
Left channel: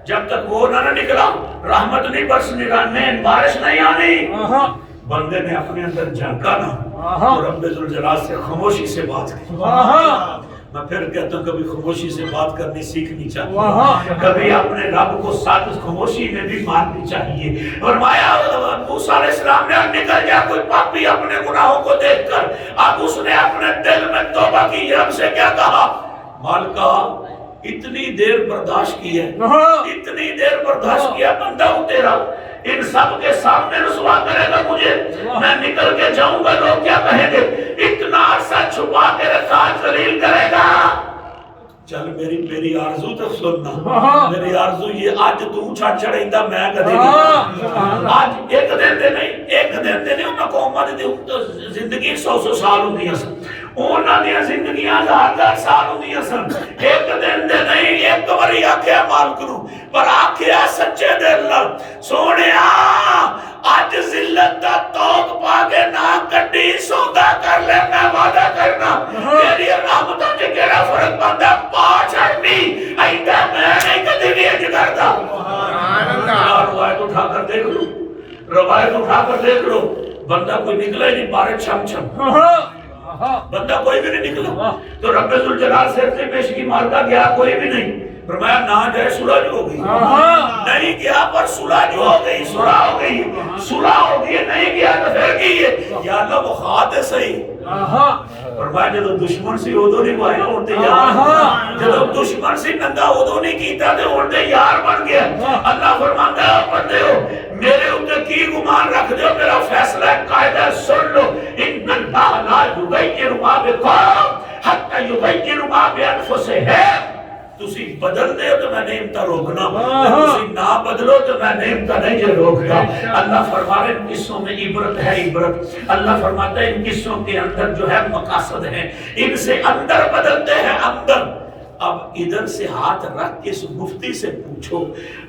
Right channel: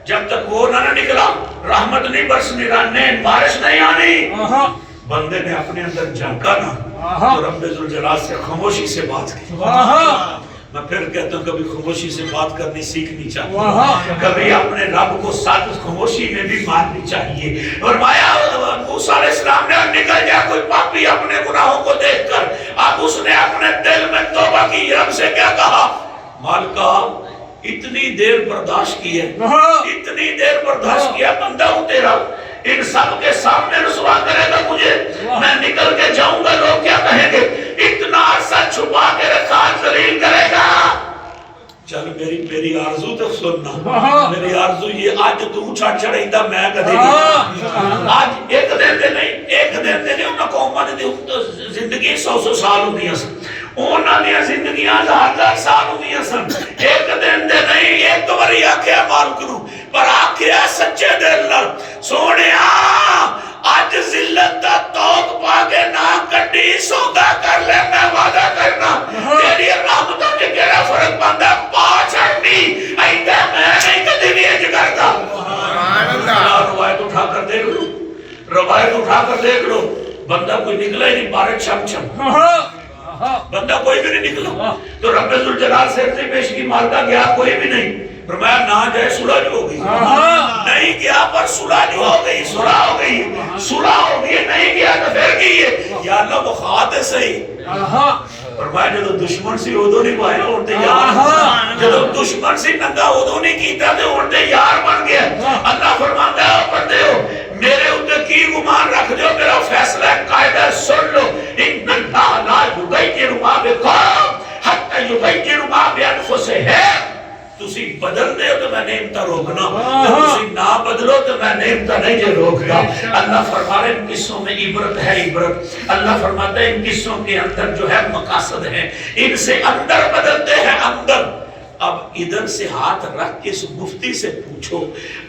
جب تک وہ نہ نکلا رحمت نہیں برسنی، بارش نہیں آنی. بندے نے اپنے اندر جھانکا نا تو رب ذوالجلال سے خاموشی سے بات کی. میں پھر کہتا ہوں کبھی خاموشی سے بات کرنی سیکھنی چاہیے، کبھی اپنے رب کو ساتھ خاموشی میں بھی ماننی چاہیے. فرمایا موسیٰ علیہ السلام نے نکل جا کوئی پاپی اپنے گناہوں کو دیکھ کر. اب اس نے اپنے دل میں توبہ کی. رب سے کیا کہا؟ مالکا اتنی دیر برداشت کی ہے، اتنی دیر برداشت کیا، بندہ ہوں تیرا، ان سب کے سامنے رسوا کرے گا مجھے، میں نکل کے جاؤں گا لوگ کیا کہیں گے؟ اتنا عرصہ چھپا کے رکھا ذلیل کرے گا. چل میری آرزو تک سننا. میری آرزو یہ آج تو چھڑ چھڑائی دا میں کدے نہیں. آج ایک دن دے نہیں، ایک دن دے نہیں. انہوں کو امت دے زندگی 100 سال ہوندی ہے، انہاں دی زندگیاں 1000 سال ہوندی سن. ایک دن دے نہیں، ایک باری آکھیا مالک نو، پر آکھیا سچے دل نال سونیا اج ذلت دا توق پا کے نہ کڈی سودا کر لے. میں وعدہ کرنا تیری رحمتوں وچ کیڑا فرق پاندا پا چھڑنی ایندا میں نہیں کدی بھی اج کردا. سبحان اللہ. روایت اٹھا کر دیکھ لو، روایت اٹھا کر دیکھ لو. بندہ کوئی نکلا ہی نہیں، بارش چھم چھم، بندہ کوئی بھی نہیں نکلا. تو رب ذوالجلال سے پیش کی مالکا گیا کوئی بھی نہیں. فرمایا نہ جائے صلح جو ہو گئی، نہیں گیا پر صلح جو ہو گئی، صلح ہو گئی، صلح ہو گئی. نہیں گیا تو پھر کی ہے یا اللہ وہ خواہد ہے صحیح. فرمایا جو دشمن سی ادو نہیں پائے اڑتے یار، جو دشمن سی ننگا ادو نہیں کیتا تے اڑتے یار بن گیا. اللہ فرماتا ہے بندے ہو میرے اوپر کی گمان رکھ دیو، میرا فیصلہ قاعدہ سن لو. ان اللہ لا یغیر ما بقوم حتی یغیر ما بانفسہم. تسی بدل دے تو میں نعمتاں روکنا، تسی نہ بدلو تو میں نعمتاں نہیں جے روکتا. اللہ فرما رہے ان قصوں میں عبرت ہے، عبرت. اللہ فرماتا ہے ان قصوں کے اندر جو ہے مقاصد ہیں، ان سے اندر بدلتے ہیں اندر. اب ادھر سے ہاتھ رکھ کے اس مفتی سے پوچھو،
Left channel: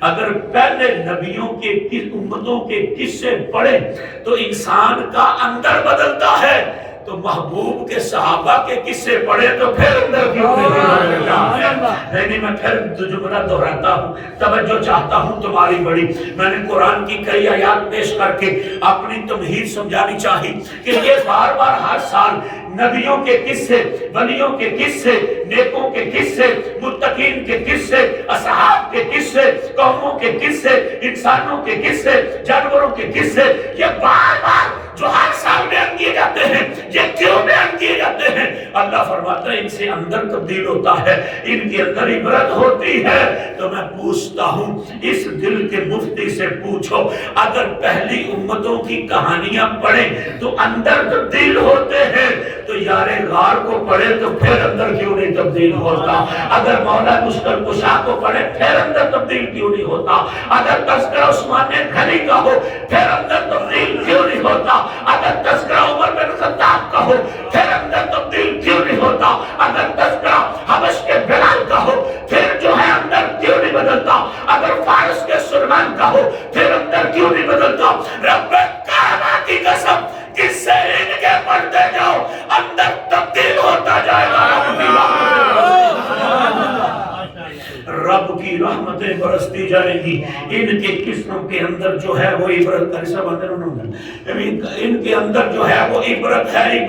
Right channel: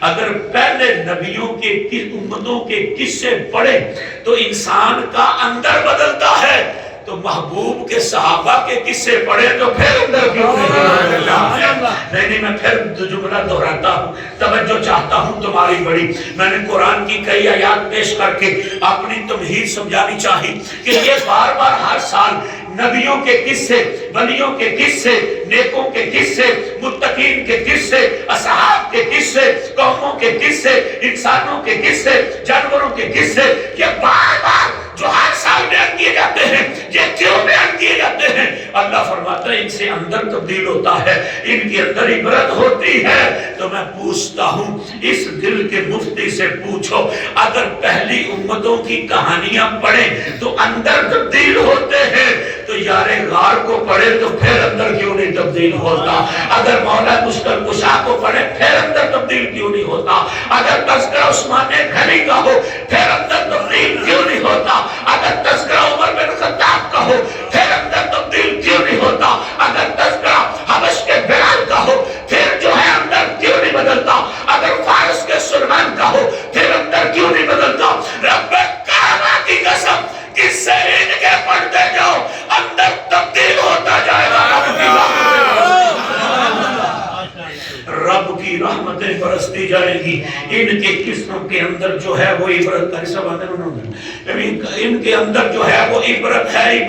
اگر پہلے نبیوں کے امتوں کے قصے پڑھے تو انسان کا اندر بدلتا ہے، تو محبوب کے صحابہ کے قصے پڑھے تو پھر اندر کیوں نہیں. میں پھر جملہ دہراتا ہوں، توجہ چاہتا ہوں تمہاری بڑی. میں نے قرآن کی کئی آیات پیش کر کے اپنی تمہید سمجھانی چاہی کہ یہ بار بار ہر سال نبیوں کے قصے، ولیوں کے قصے، نیکوں کے قصے، متقین کے قصے، اصحاب کے قصے، قوموں کے قصے، انسانوں کے قصے، جانوروں کے قصے، یہ بار بار جو ہر سال بیان کیے جاتے ہیں. یہ کیوں بیان کیے جاتے ہیں؟ اللہ فرماتا ہے ان سے اندر تبدیل ہوتا ہے، ان کے اندر عبرت ہوتی ہے. تو میں پوچھتا ہوں اس دل کے مفتی سے پوچھو، اگر پہلی امتوں کی کہانیاں پڑھیں تو اندر تبدیل ہوتے ہیں، تو یار غار کو پڑھے تو پھر اندر کیوں نہیں تبدیل ہوتا؟ اگر مولا مشکل کشا کو پڑھے پھر اندر تبدیل کیوں نہیں ہوتا؟ اگر تذکرہ عثمان غنی کا ہو پھر اندر تبدیل کیوں نہیں ہوتا؟ اگر تذکرہ عمر بن خطاب کا ہو پھر اندر تبدیل کیوں نہیں ہوتا؟ اگر تذکرہ حبش کے بلال کا ہو پھر جو ہے اندر کیوں نہیں بدلتا؟ اگر فارس کے سلمان کا ہو پھر اندر کیوں نہیں بدلتا؟ رب کعبہ کی قسم کس سے ان کے پڑھتے جاؤ اندر تبدیل ہوتا جائے گا. رب کی رحمتیں برستی بڑھتی جائے گی. ان کے قصوں کے اندر جو ہے وہ عبرت ہے. ان کے اندر جو ہے وہ عبرت ہے.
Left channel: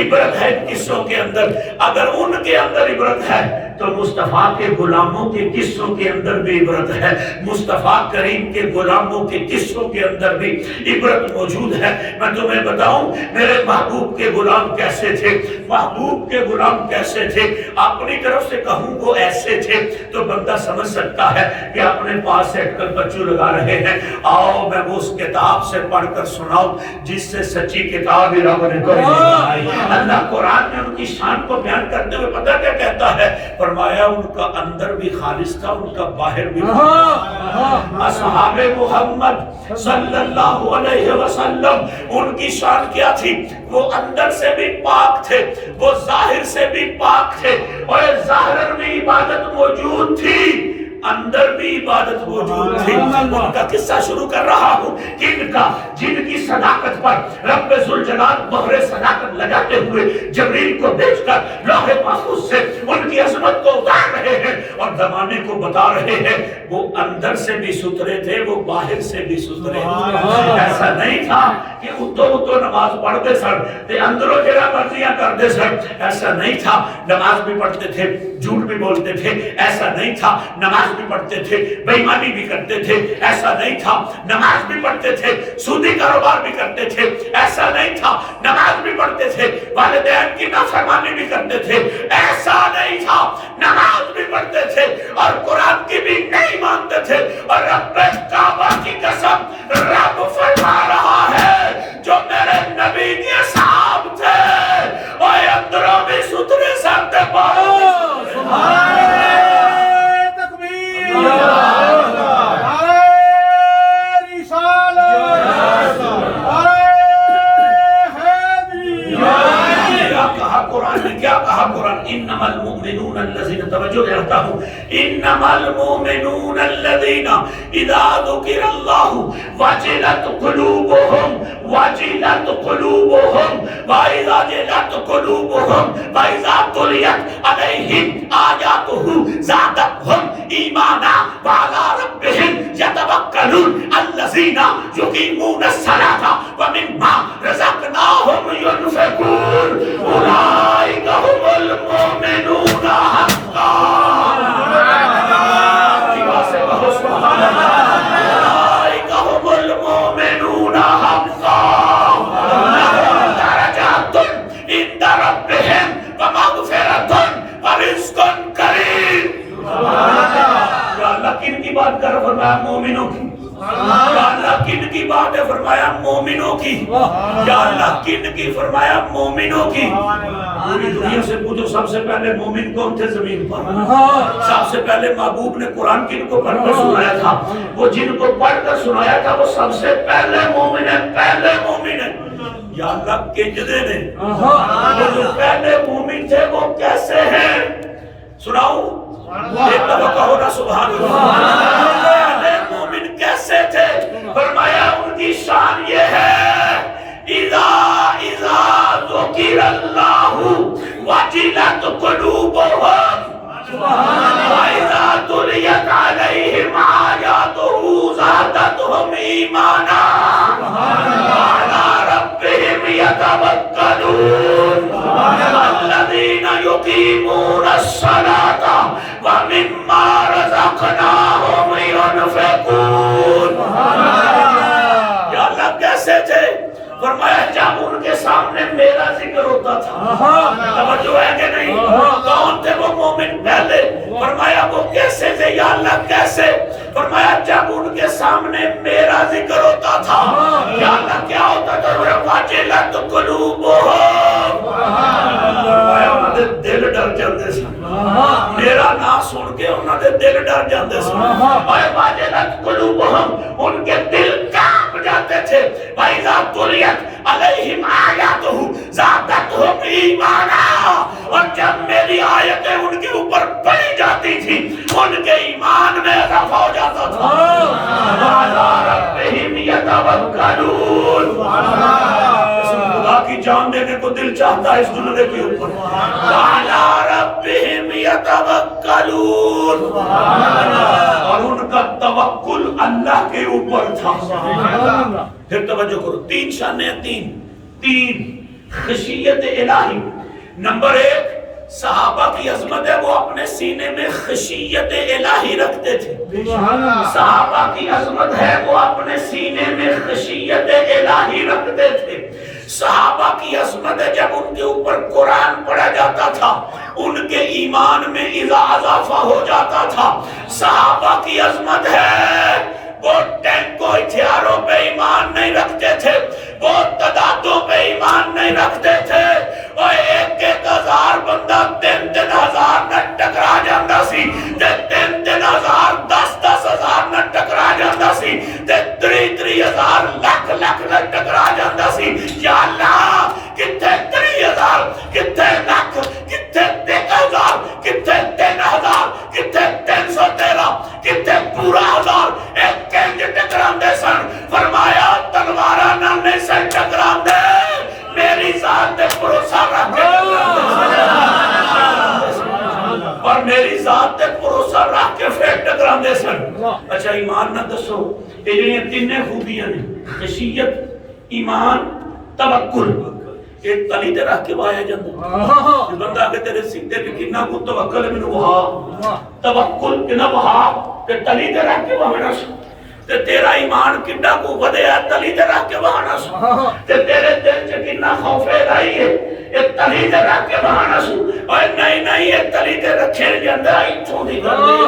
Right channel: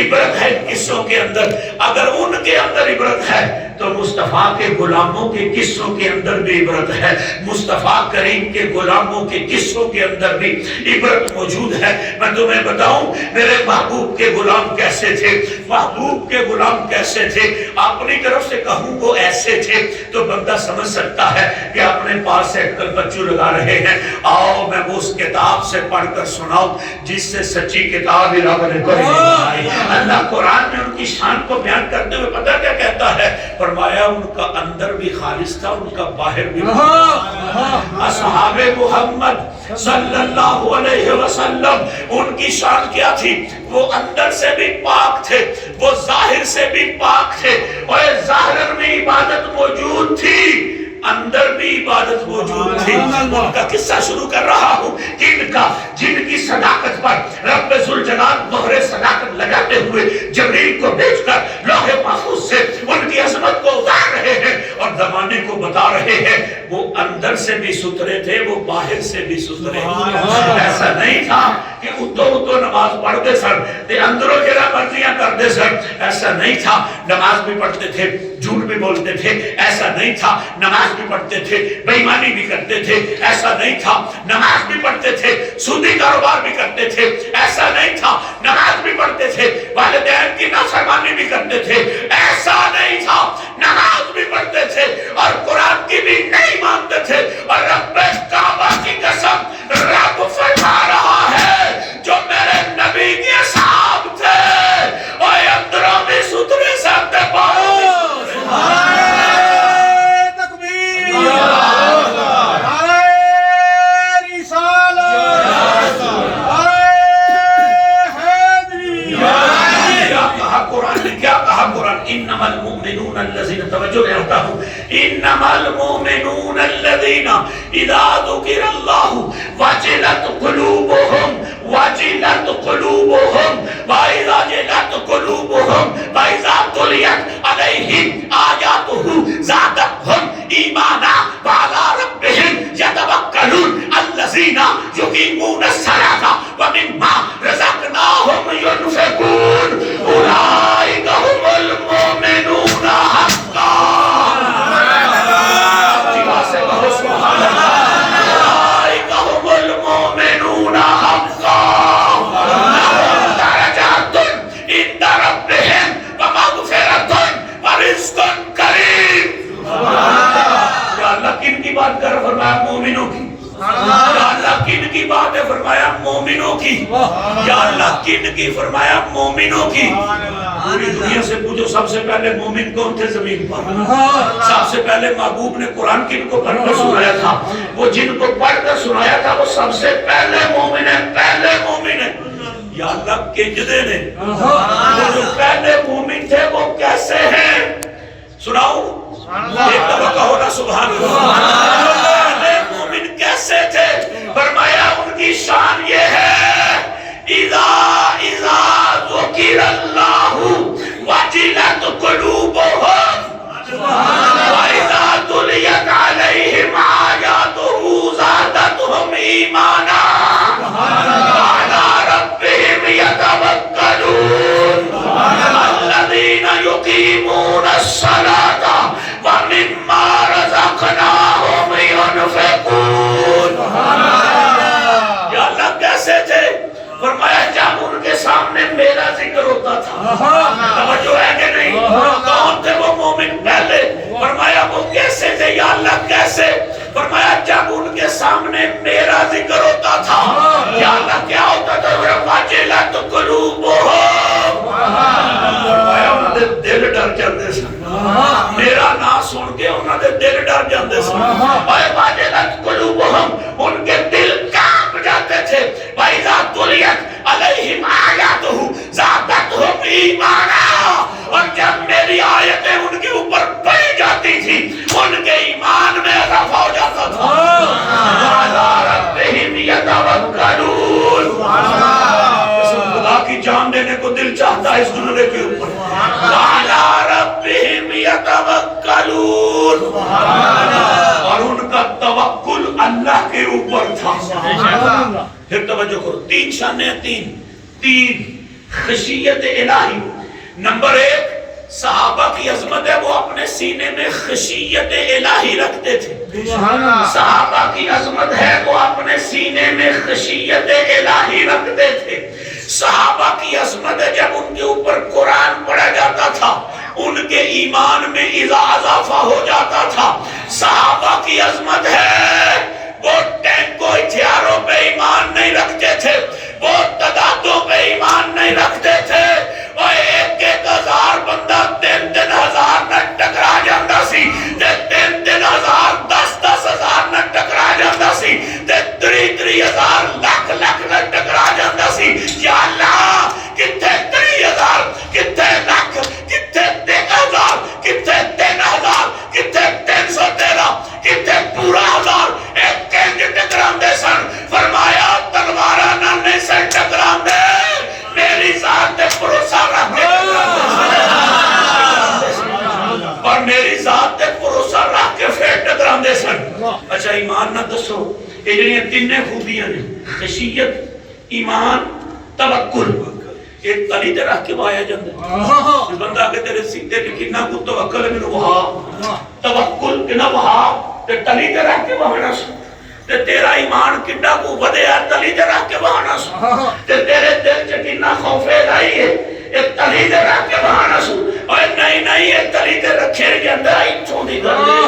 عبرت ہے قصوں کے اندر. اگر ان کے اندر عبرت ہے تو مصطفیٰ کے غلاموں کے قصوں کے اندر بھی عبرت ہے. مصطفیٰ کریم کے غلاموں کے قصوں کے اندر بھی عبرت موجود ہے. میں تمہیں بتاؤں میرے محبوب کے غلام کیسے تھے. محبوب کے غلام کیسے تھے. اپنی طرف سے کہوں وہ ایسے تھے تو بندہ سمجھ سکتا ہے کہ اپنے پاس سے کل بچوں لگا رہے ہیں. آؤ میں وہ اس کتاب سے پڑھ کر سناؤں جس سے سچی کتاب ہی رب نے بنائی. اللہ قرآن میں ان کی شان کو بیان کرتے ہوئے پتہ کیا کہتا ہے؟ فرمایا ان کا اندر بھی خالص تھا, ان کا باہر بھی. اصحاب محمد صلی اللہ علیہ وسلم ان کی شان کیا تھی؟ وہ اندر سے بھی پاک تھے, وہ ظاہر سے بھی پاک تھے. اور ظاہر میں عبادت موجود تھی, اندر بھی عبادت موجود تھی. ان کا قصہ شروع کر رہا ہوں. جن کی صداقت پر رب ذوالجلال مہر صداقت لگاتے ہوئے جبریل کو بھیج کر لوح محفوظ سے ان کی عظمت کو اتار رہے ہیں اور زمانے کو بتا رہے ہیں. وہ اندر سے بھی ستھرے تھے, وہ باہر سے بھی ستھرے. ایسا نہیں تھا کہ اتو نماز پڑھتے سر تے اندروں جرا مرضیاں کرتے سر. ایسا نہیں تھا. نماز بھی پڑھتے تھے, جھوٹ بھی بولتے تھے. ایسا نہیں تھا. نماز بھی پڑھتے تھے, بے ایمانی بھی کرتے تھے. ایسا نہیں تھا. نماز بھی پڑھتے تھے, سودی کاروبار بھی کرتے تھے. ایسا نہیں تھا. نماز بھی پڑھتے تھے, والدین کی نافرمانی بھی کرتے تھے. ایسا نہیں تھا. نماز بھی پڑھتے تھے اور قرآن کی بھی نہیں مانتے تھے. اور رب کعبہ کی قسم رب فرما رہا ہے جو میرے نبی کے اصحاب تھے اور اندروں بھی ستھرے سب تھے. انما المؤمنون الذين توجہ رہتا ہوں انما المؤمنون الذين اذا ذكر الله وجلت قلوبهم واذا جلت قلوبهم واذا تليت عليهم آياته زادتهم ایمانا وعلى ربهم يتوكلون الذين يقيمون الصلاة ومما رزقناهم ينفقون اولئك هم المؤمنون حقا. سبحان اللہ. اولئک هم المؤمنون حقا لهم درجات عند ربهم ومغفرۃ ورزق کریم. یا اللہ کن کی بات کر فرمایا؟ مومنوں کی. یا اللہ کن کی بات ہے؟ فرمایا مومنوں کی. یا اللہ کن کی؟ فرمایا مومنوں کی. پوری دنیا سے پوچھو سب سے پہلے مومن کون تھے زمین پر؟ سب سے پہلے محبوب نے قرآن کن کو پڑھ کر سنایا تھا؟ وہ جن کو پڑھ کر سنایا تھا وہ سب سے پہلے مومن ہے. پہلے مومن ہے. یا اللہ کنجدے نے وہ جو پہلے مومن تھے وہ کیسے ہیں؟ سناؤں ایک دفعہ کہو نا سبحان اللہ. پہلے مومن کیسے تھے؟ فرمایا ان کی شان یہ ہے اذا ذکر اللہ وجلت قلوبهم واذا تلیت علیہم آیاتہ زادتهم ایمانا وعلی ربهم یتوکلون الذین یقیمون الصلاة ومما رزقناهم ينفقون. یا اللہ کیسے تھے؟ فرمایا جب ان کے سامنے میرا ذکر ہوتا تھا. توجہ ہے کہ نہیں؟ کون تھے وہ مومن پہلے؟ فرمایا وہ کیسے تھے؟ یا اللہ کیسے؟ فرمایا جب ان کے سامنے میرا ذکر ہوتا تھا. یا اللہ کیا ہوتا تھا؟ وجلت قلوبهم. فرمایا انہوں نے دل ڈر جاندے سن. میرا نام سن کے انہوں نے دل ڈر جاندے سن. وجلت قلوبهم ان کے دل کانپ جاتے تھے. وَإِذَا تُلِيَتْ عَلَيْهِمْ آيَاتُهُ زَادَتْهُمْ ایمانا. اور جب میری آیتیں ان کے اوپر پڑھی جاتی تھی ان کے ایمان میں اضافہ ہو جاتا تھا. وَعَلَىٰ رَبِّهِمْ يَتَوَكَّلُونَ. خدا کی جان دینے کو دل چاہتا ہے اس جملے کے اوپر. وَعَلَىٰ رَبِّهِمْ یتوکلون، اور ان کا توکل اللہ کے اوپر تھا۔ پھر توجہ کرو، تین شانیں، تین خشیت الہی۔ نمبر 1 صحابہ کی عظمت ہے، وہ اپنے سینے میں خشیت الہی رکھتے تھے۔ صحابہ کی عظمت ہے، وہ اپنے سینے میں خشیت الہی رکھتے تھے۔ صحابہ کی عظمت ہے، جب ان کے اوپر قرآن پڑھا جاتا تھا ان کے ایمان میں اضافہ ہو جاتا تھا۔ صحابہ کی عظمت ہے، وہ ٹینکوں ہتھیاروں پہ ایمان نہیں رکھتے تھے، وہ تعدادوں پہ ایمان نہیں رکھتے تھے۔ وہ 1,000 بندہ 3,000 نہ ٹکرا جاتا سی، 3,000 10,000 نہ ٹکرا جاتا سی، 3,000 لکھ نہ ٹکرا جاتا سی۔ یا اللہ کتنے 3,000، کتنے لکھ، کتنے 3,000، کتنے 3,000، کتنے 313، کتنے پورا 1000 ایک کنج ٹکران دے سن۔ فرمایا تلوارہ نہ نہیں سن ٹکران دے، میری ذات پہ بھروسہ رکھ کے اور میری ذات پہ بھروسہ رکھ کے پھر ٹکران دے سن۔ اچھا ایمان نہ دسو، یہ جڑیاں تینے خوبیاں نے، خشیت، ایمان، توکل، ایک تلی تے رکھ کے وایا جاندے۔ بندہ کہ تیرے سیدھے تے کتنا کو توکل مینوں وہا، توکل کنا وہا تے تلی تے رکھ کے وانا سو، تے تیرا ایمان کتنا کو ودیا تلی تے رکھ کے وانا سو، تے تیرے دل چ کتنا خوف الہی ہے ایک تلی تے رکھ کے وانا سو۔ اوے نہیں ایک تلی تے رکھے جاندا ایتھوں دی گل ہے،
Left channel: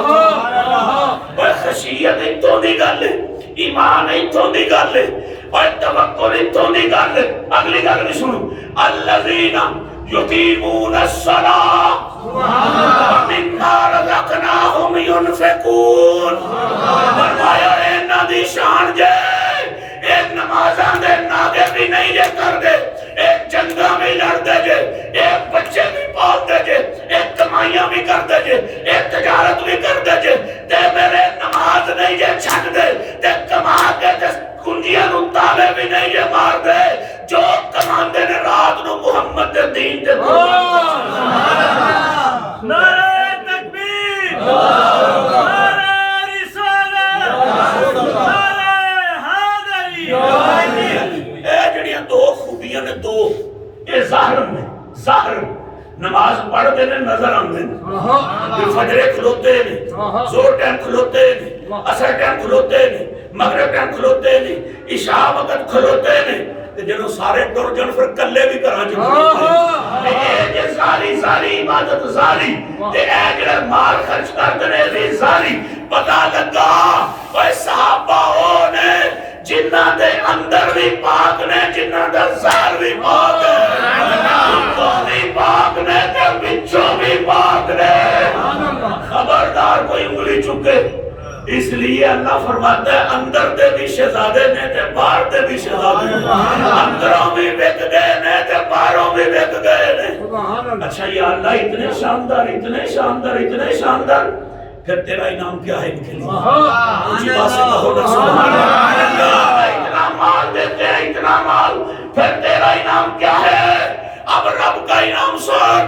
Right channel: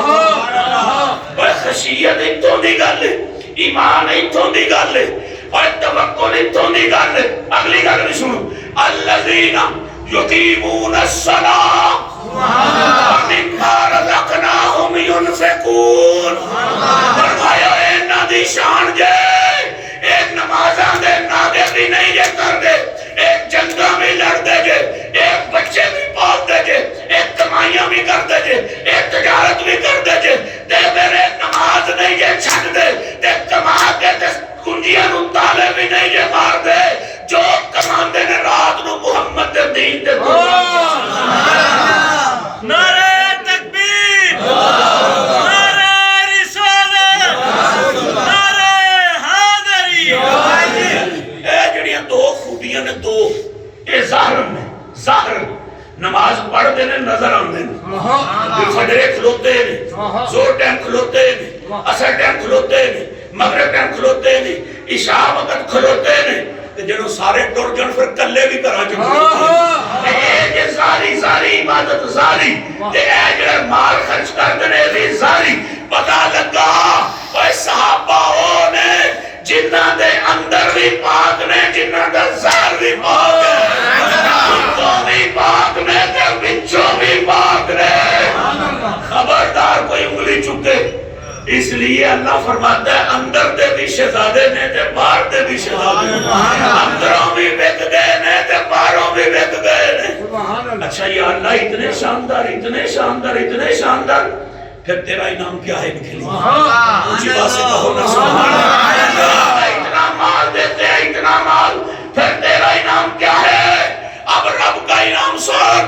اوے خشیت ایتھوں دی گل ہے، ایمان ایتھوں دی گل ہے، اور توکل ایتھوں دی گل ہے۔ اگلی گل بھی سنو، الذین یقیمون الصلاۃ ومما رزقناہم ینفقون۔ فرمایا انہاں دی شان جے ایک نمازاں دے ناگے بھی نہیں جے کر دے، ایک جنگاں بھی لڑ دے جے، ایک بچے بھی پال دے جے، ایک کمائیاں بھی کر دے جے، ایک تجارت بھی کر دے جے، تے میرے نماز نہیں جے چھڈ دے، تے کما کے تے کنجیاں نو تالے بھی نہیں جے مار دے، جو کماندے نے رات نو محمد دے دین دے نعرہ تکبیر، نعرہ رسالت، نعرہ حیدری۔ اے جڑیاں دو خوبیاں نے، دو اے ظاہر میں، ظاہر نماز پڑھتے نے نظر آندے نے، فجرے کھلوتے نے، زور ٹائم کھلوتے نے، عصر ٹائم کھلوتے نے، مغرب ٹائم کھلوتے نے، عشاء وقت کھلوتے نے، جنہوں سارے ٹر جن پھر کلے بھی کرا چکے ہیں۔ ساری عبادت ساری تے اے جڑے مال خرچ کرتے نے بھی ساری۔ پتہ لگا اے صحابہ وہ نے جنہاں دے اندر بھی پاک نے، جنہاں دا ظاہر بھی پاک ہے، انتوں بھی پاک نے تے بچوں بھی پاک نے۔ خبردار کوئی انگلی چکے، اس لیے اللہ فرماتا ہے اندر دے بھی شہزادے نے تے باہر دے بھی شہزادے نے، اندروں بھی بک گئے نے تے باہروں بھی بک گئے نے۔ اچھا یا اللہ اتنے شاندار، اتنے شاندار، اتنے شاندار، پھر تیرا انعام کیا ہے نکلی؟ اونچی بات سے کہو نا سبحان اللہ۔ اتنا مال دیتے ہیں، اتنا مال، پھر تیرا انعام کیا ہے؟ اب رب کا انعام سن۔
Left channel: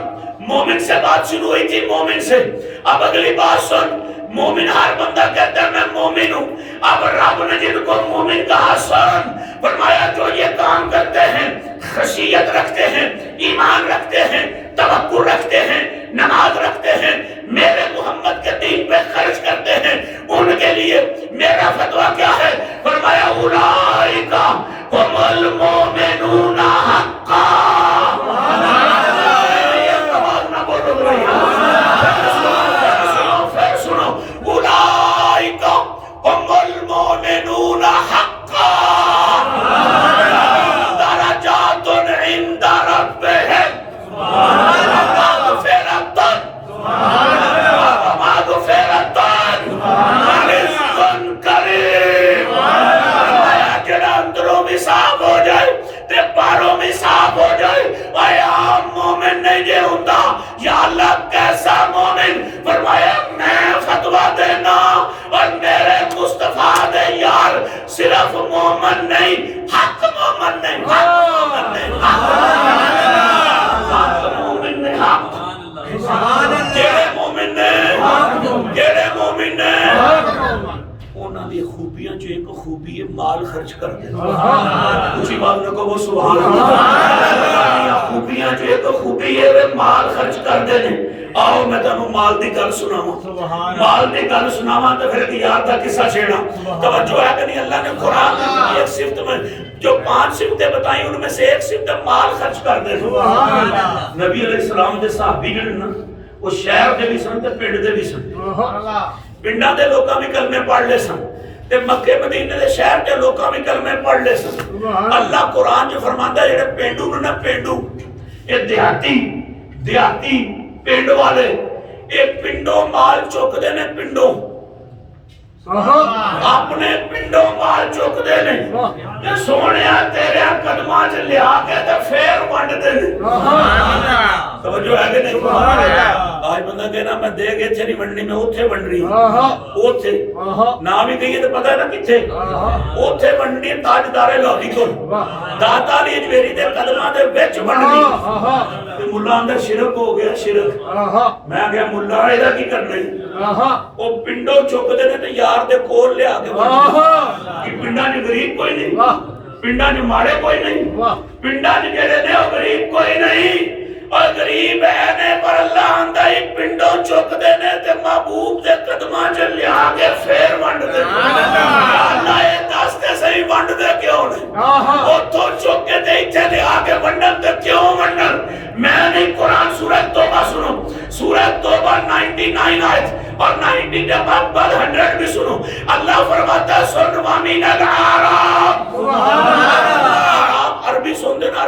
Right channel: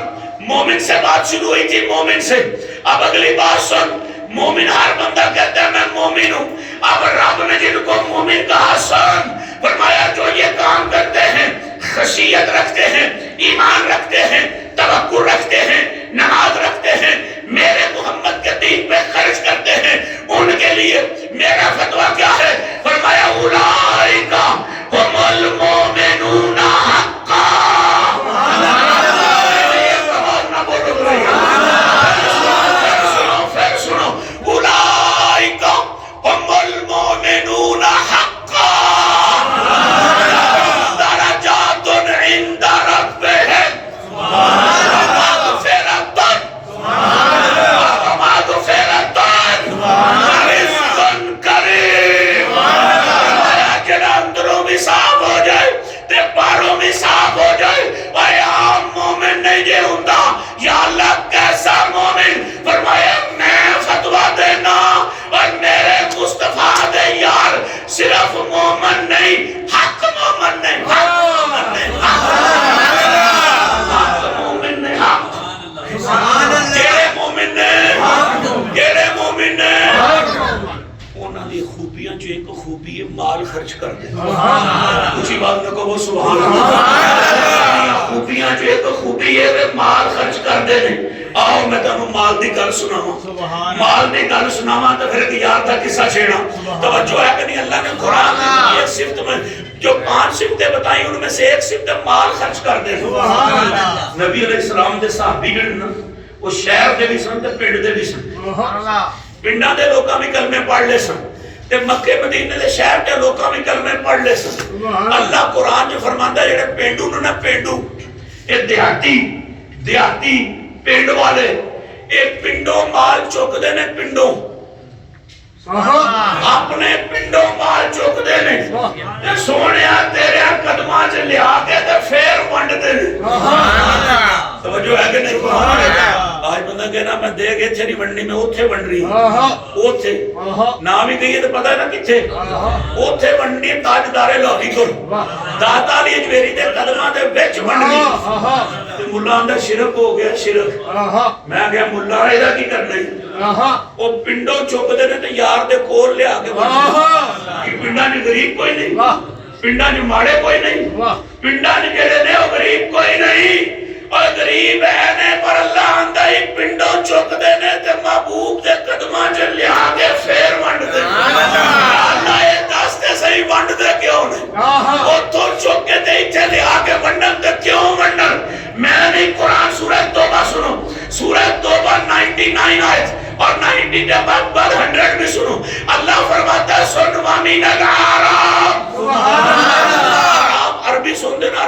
مومن سے بات شروع ہوئی تھی، مومن سے، اب اگلی بات سن۔ مومن ہر بندہ کہتا ہے میں مومن ہوں، اب رب نے جن کو مومن کہا سن، فرمایا جو یہ کام کرتے ہیں، خشیت رکھتے ہیں، ایمان رکھتے ہیں، توکل رکھتے ہیں، نماز رکھتے ہیں، میرے محمد کے دین پہ خرچ کرتے ہیں، ان کے لیے میرا فتویٰ کیا ہے؟ فرمایا اولئک هم المؤمنون حقا۔ المؤمنون حقا درجات عند ربهم ومغفرة ورزق کریم۔ جڑا اندروں بھی صاف ہو جائے تے باہروں بھی صاف ہو جائے، اے عام مومن نہیں جے ہوندا۔ یا اللہ کیسا مومن؟ فرمایا میں فتویٰ دینا اور میرے مصطفیٰ دے یار صرف مومن نہیں، حق مومن نہیں، حق مومن نہیں، حق مومن نہیں، حق ایک خوبی ہے مال خرچ کر دینا. اسی بات میں کہو سبحان اللہ. خوبیاں جو ایک خوبی ہے وہ مال خرچ کر دینے. آؤ میں تمہیں مال دی گل سناواں. مال دی گل سناواں تو پھر ایک یار دا قصہ چھیڑا. توجہ ہے کہ نہیں؟ اللہ نے قرآن میں ایک صفت میں جو 5 صفتیں بتائیں ان میں سے ایک صفت مال خرچ کر دینا. نبی علیہ السلام دے صحابی جڑے نا وہ شہر دے بھی سن تے پنڈ دے بھی سن. پنڈاں دے لوکاں بھی کلمے پڑھ لے سن تے مکے مدینے دے شہر دے لوکاں بھی کلمے پڑھ لے سن. اللہ قرآن جو فرماندا ہے جڑے پینڈو نو نا پینڈو اے دیہاتی پنڈ والے ایک پنڈوں مال چک دے نے. پنڈوں اپنے پنڈوں مال چک دے نے تے سونیا تیرے قدماں چ لیا کے تے پھر ونڈ دے نے. توجہ ہے کہ نہیں؟ آج بندہ کہنا میں دے کے اتھے نہیں ونڈنی میں اوتھے ونڈ رہی ہوں. اوتھے نام ہی کہیے تو پتہ ہے نا کتھے اوتھے ونڈنی تاجدار لاہی کول داتا علی اجمیری دے قدماں دے وچ ونڈنی. تے ملا اندر شرک ہو گیا. شرک میں کہا ملا ایدا کی کرنا او پنڈوں چک دے نے تے یار دے کول لیا کے ونڈنی. پنڈاں چ غریب کوئی نہیں, پنڈاں چ ماڑے کوئی نہیں, پنڈاں چ جڑے نے او غریب کوئی نہیں. اور غریب ہے نے پر اللہ آندہ ہی پنڈوں چک دے نے تے محبوب دے قدماں چ لیا کے پھر ونڈ دے. اللہ اے دس تے صحیح ونڈ دے کیوں نہیں؟ اوتھوں چک کے تے ایتھے لیا کے ونڈن تے کیوں ونڈن؟ میں نہیں. قرآن سورہ توبہ سنو. سورہ توبہ 99 آیت اور 90 کے بعد 100 بھی سنو. اللہ فرماتا ہے سن وامین العرب. عربی سن دینا.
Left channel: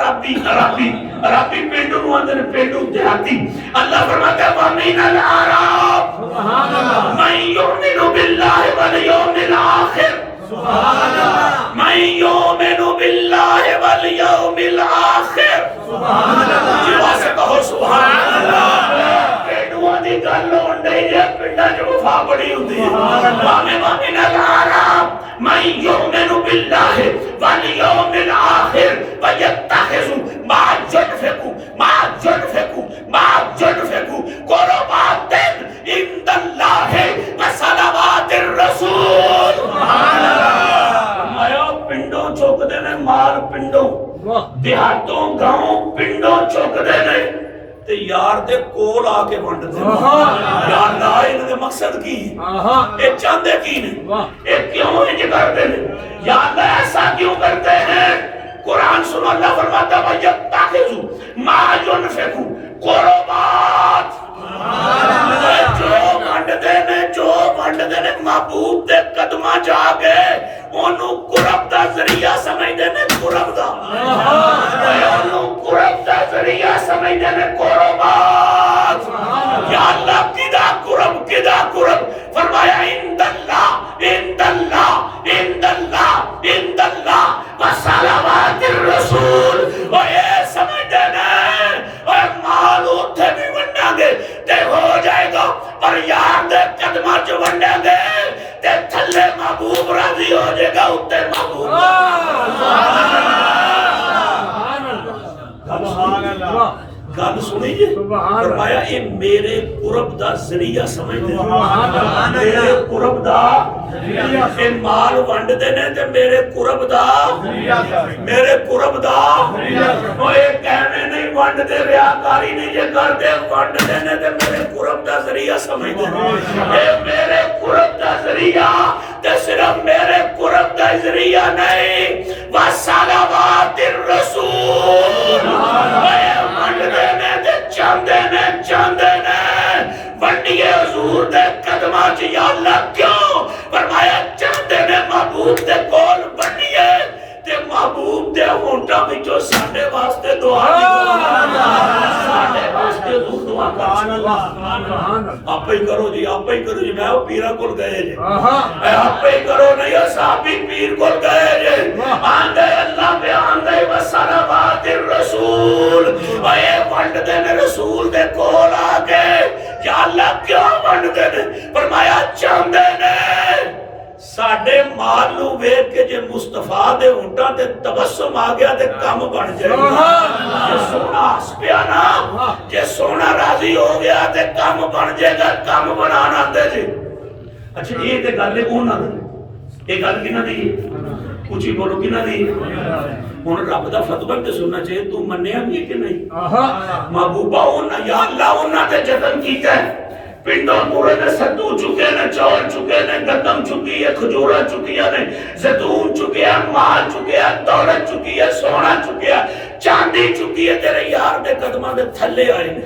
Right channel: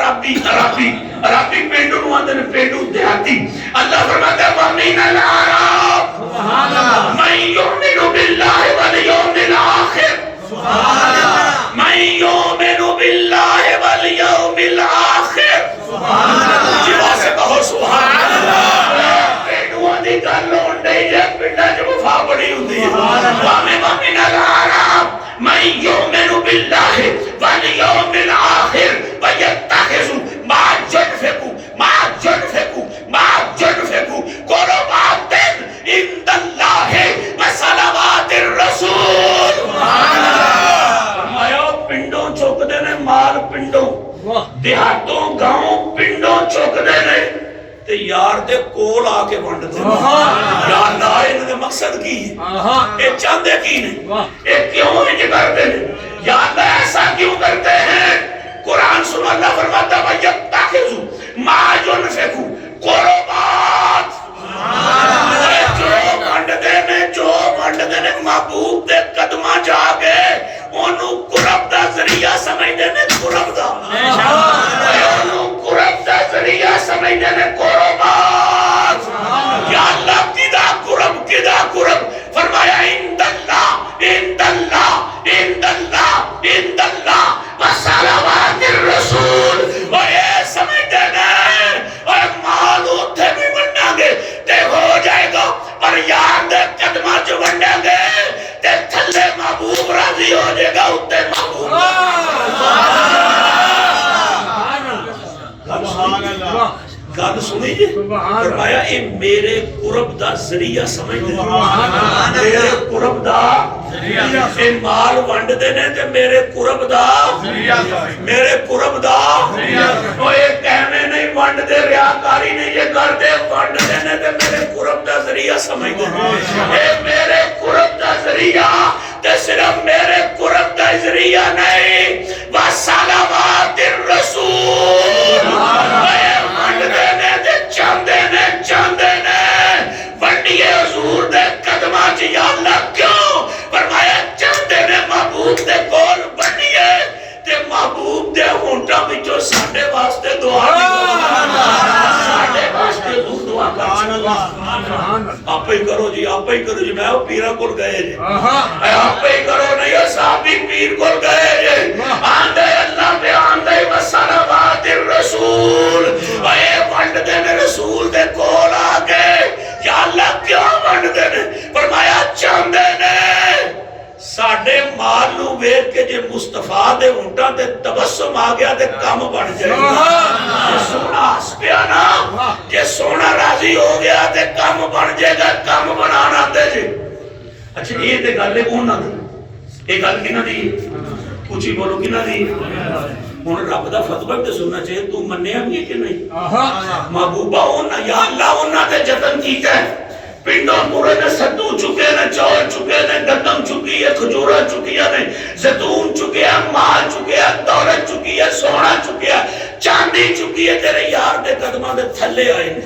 عربی پینڈو نو آندے نے پینڈو دیہاتی. اللہ فرماتا ہے وامین العرب من یؤمن باللہ والیوم الآخر. من یؤمن باللہ والیوم الآخر. جوا سے کہو سبحان اللہ. پینڈوان دی گل ہون ڈئی جے پنڈا جو وفا بڑی ہوندی ہے. وامین العرب من یؤمن باللہ والیوم الآخر ویتخذ ما ينفق قربات عند اللہ وصلوات الرسول. فرمایا پنڈوں چک دے نے مال. پنڈوں دیہاتوں گاؤں پنڈوں چک دے نے تے یار دے کول آ کے ونڈ دے. یا اللہ انہاں دے مقصد کی ہے؟ اے چاہندے کی نہیں؟ اے کیوں انج کرتے ہیں؟ یا اللہ ایسا کیوں کرتے ہیں؟ قرآن سنو. اللہ فرماتا ہے وَيَتَّخِذُ مَا يُنْفِقُ قُرُبَاتٍ. جو ونڈ دے نے محبوب دے قدماں جا کے انہوں قرب دا ذریعہ سمجھ دے نے. قرب دا انہوں قرب دا ذریعہ سمجھ دے نے. قربات. یا اللہ کدا قرب فرمایا عند اللہ وصلوات الرسول. اور یہ سمجھ دے نے اور مال اتھے بھی ونڈا گے تے ہو جائے گا پر یار دے قدمہ جو ونڈا گے تے تھلے محبوب راضی ہو جائے گا اتھے محبوب. گل سنی جی. فرمایا اے میرے قرب دا ذریعہ سمجھ دے. میرے قرب دا اے مال ونڈ دے نے تے میرے قرب دا او اے کہنے نہیں ونڈ دے ریاکاری نہیں جے کر دے ونڈ دے نے تے میرے قرب دا ذریعہ سمجھ دے. اے میرے قرب دا ذریعہ تے صرف میرے قرب دا ذریعہ نہیں وصلوات الرسول. ونڈ دے نے تے چاندے نے ونڈیے حضور دے قدماں چ. یا اللہ کیوں؟ فرمایا چاندے نے محبوب دے کول ونڈیے تے محبوب دے ہونٹاں وچوں ساڈے واسطے دعا ساڈے واسطے دعا کر. آپ ہی کرو جی میں وہ پیرا کول گئے جی. آپ ہی کرو نہیں وہ صحابی پیر کول گئے جی. آندے اللہ دے آندے وصلوات الرسول. اے ونڈ دے نے رسول دے کول آ گئے. یا اللہ کیوں ونڈ دے نے؟ فرمایا چاندے نے ساڈے مال نو ویکھ کے جے مصطفیٰ دے ہونٹاں تے تبسم آ گیا تے کم بن جائے گا. جے سونا ہس پیا نا جے سونا راضی ہو گیا تے کم بن جائے گا. کم بنانا دے جی. اچھا یہ تے گل ہے انہاں دی. یہ گل کنہ دی کچھ بولو کنہ دی ہن رب دا فتوی تے سننا چاہیے تو منیا بھی ہے کہ نہیں محبوبہ ہونا یا اللہ ہونا تے جتن کیتا ہے پنڈوں پورے نے ستو چکے نے چول چکے نے گندم چکی ہے کھجورا چکی ہے زیتون چکے ہے مال چکے ہے دولت چکی ہے سونا چکے ہے چاندی چکی ہے تیرے یار دے قدمہ دے تھلے آئے نے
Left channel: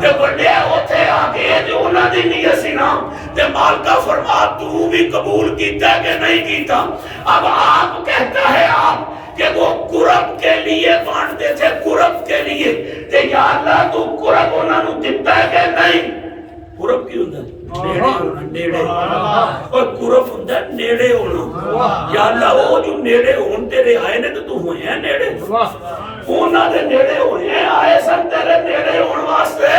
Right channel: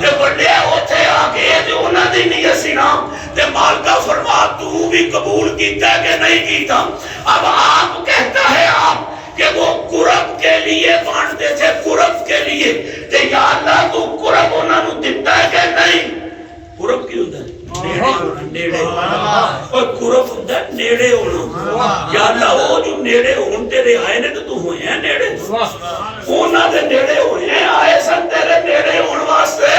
تے بڑے ہوتے آگے تے انہاں دی نہیں سنا تے مالکہ فرما تو بھی قبول کیتا ہے کہ نہیں کیتا اب آپ کہتا ہے آپ کہ وہ قرب کے لیے بانٹتے تھے قرب کے لیے تے یا اللہ تو قرب انہاں نو دیتا ہے کہ نہیں قرب کی ہوتا ہے نیڑے اور قرب ہوتا ہے نیڑے ہونا یا اللہ وہ جو نیڑے ہون تیرے آئے نے تو ہوئے ہیں نیڑے ہونا دے نیڑے ہوئے ہیں آئے سن تیرے نیڑے ہون واسطے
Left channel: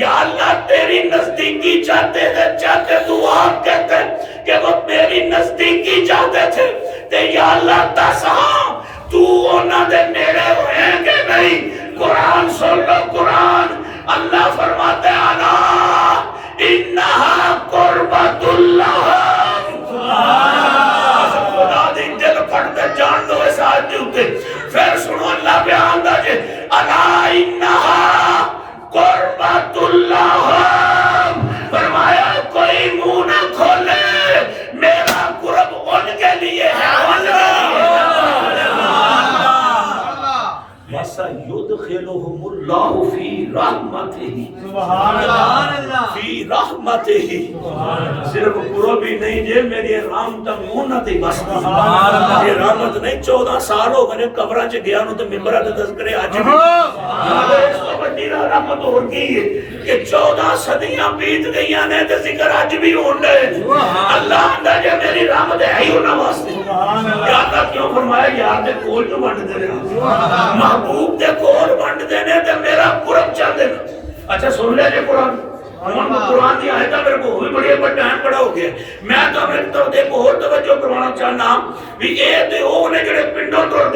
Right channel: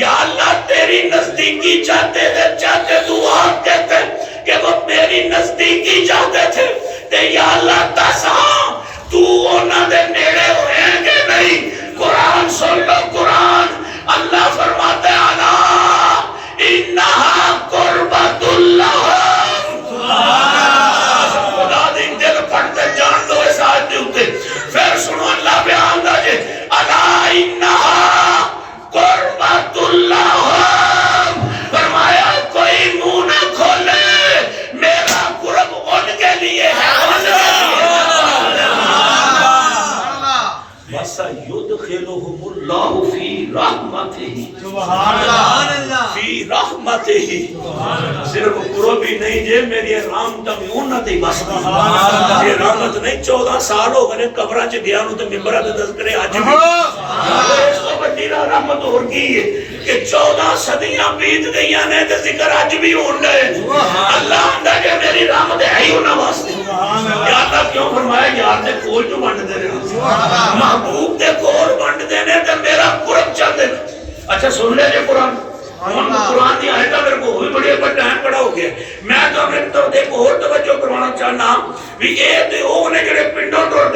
یا اللہ تیری نزدیکی چاہتے تھے چاہتے تو آپ کہتے کہ وہ میری نزدیکی چاہتے تھے تے یا اللہ تساں تو ہونا دے نیڑے ہوئے ہیں کہ نہیں قرآن سن لو قرآن اللہ فرماتے آنا انہا قربت اللہ خدا دن دل پڑھتے جان دو اس آیت ہوتے پھر سنو اللہ بیان دا جے انا انہا قربت اللہ فرمایا کوئی منہ نہ کھولے میرا قرب ان کے لیے ہے ان کے لیے وَسَيُدْخِلُهُمُ اللَّهُ فِي رَحْمَتِهِ سبحان اللہ فی رحمتہی صرف قرب ہی نہیں جے میری رحمت میونت ہی بس یہ رحمت نہیں 14 سال ہو گئے قبران چ گیا نو تے ممبرہ دے تذکرے آج بھی اس تو بڑی رحمت ہو گئی ہے کہ 14 صدیاں بیت گئیاں نے تے ذکر آج بھی ہون رہے اللہ اندہ کہ میری رحمت ہے ہی ہونا واسطے یا اللہ کیوں فرمایا یار دے کول جو بانٹ دے رہے محبوب دے کول بانٹ دینے تے میرا قرب چل دینا اچھا سن لے جے قرآن قرآن دی آیتہ میرے کو بھی بڑی پر ٹائم پڑا ہو گیا میں تو اپنے طرف ایک اور توجہ کروانا چاہنا بھی اے تے او نے جڑے پنڈوں تو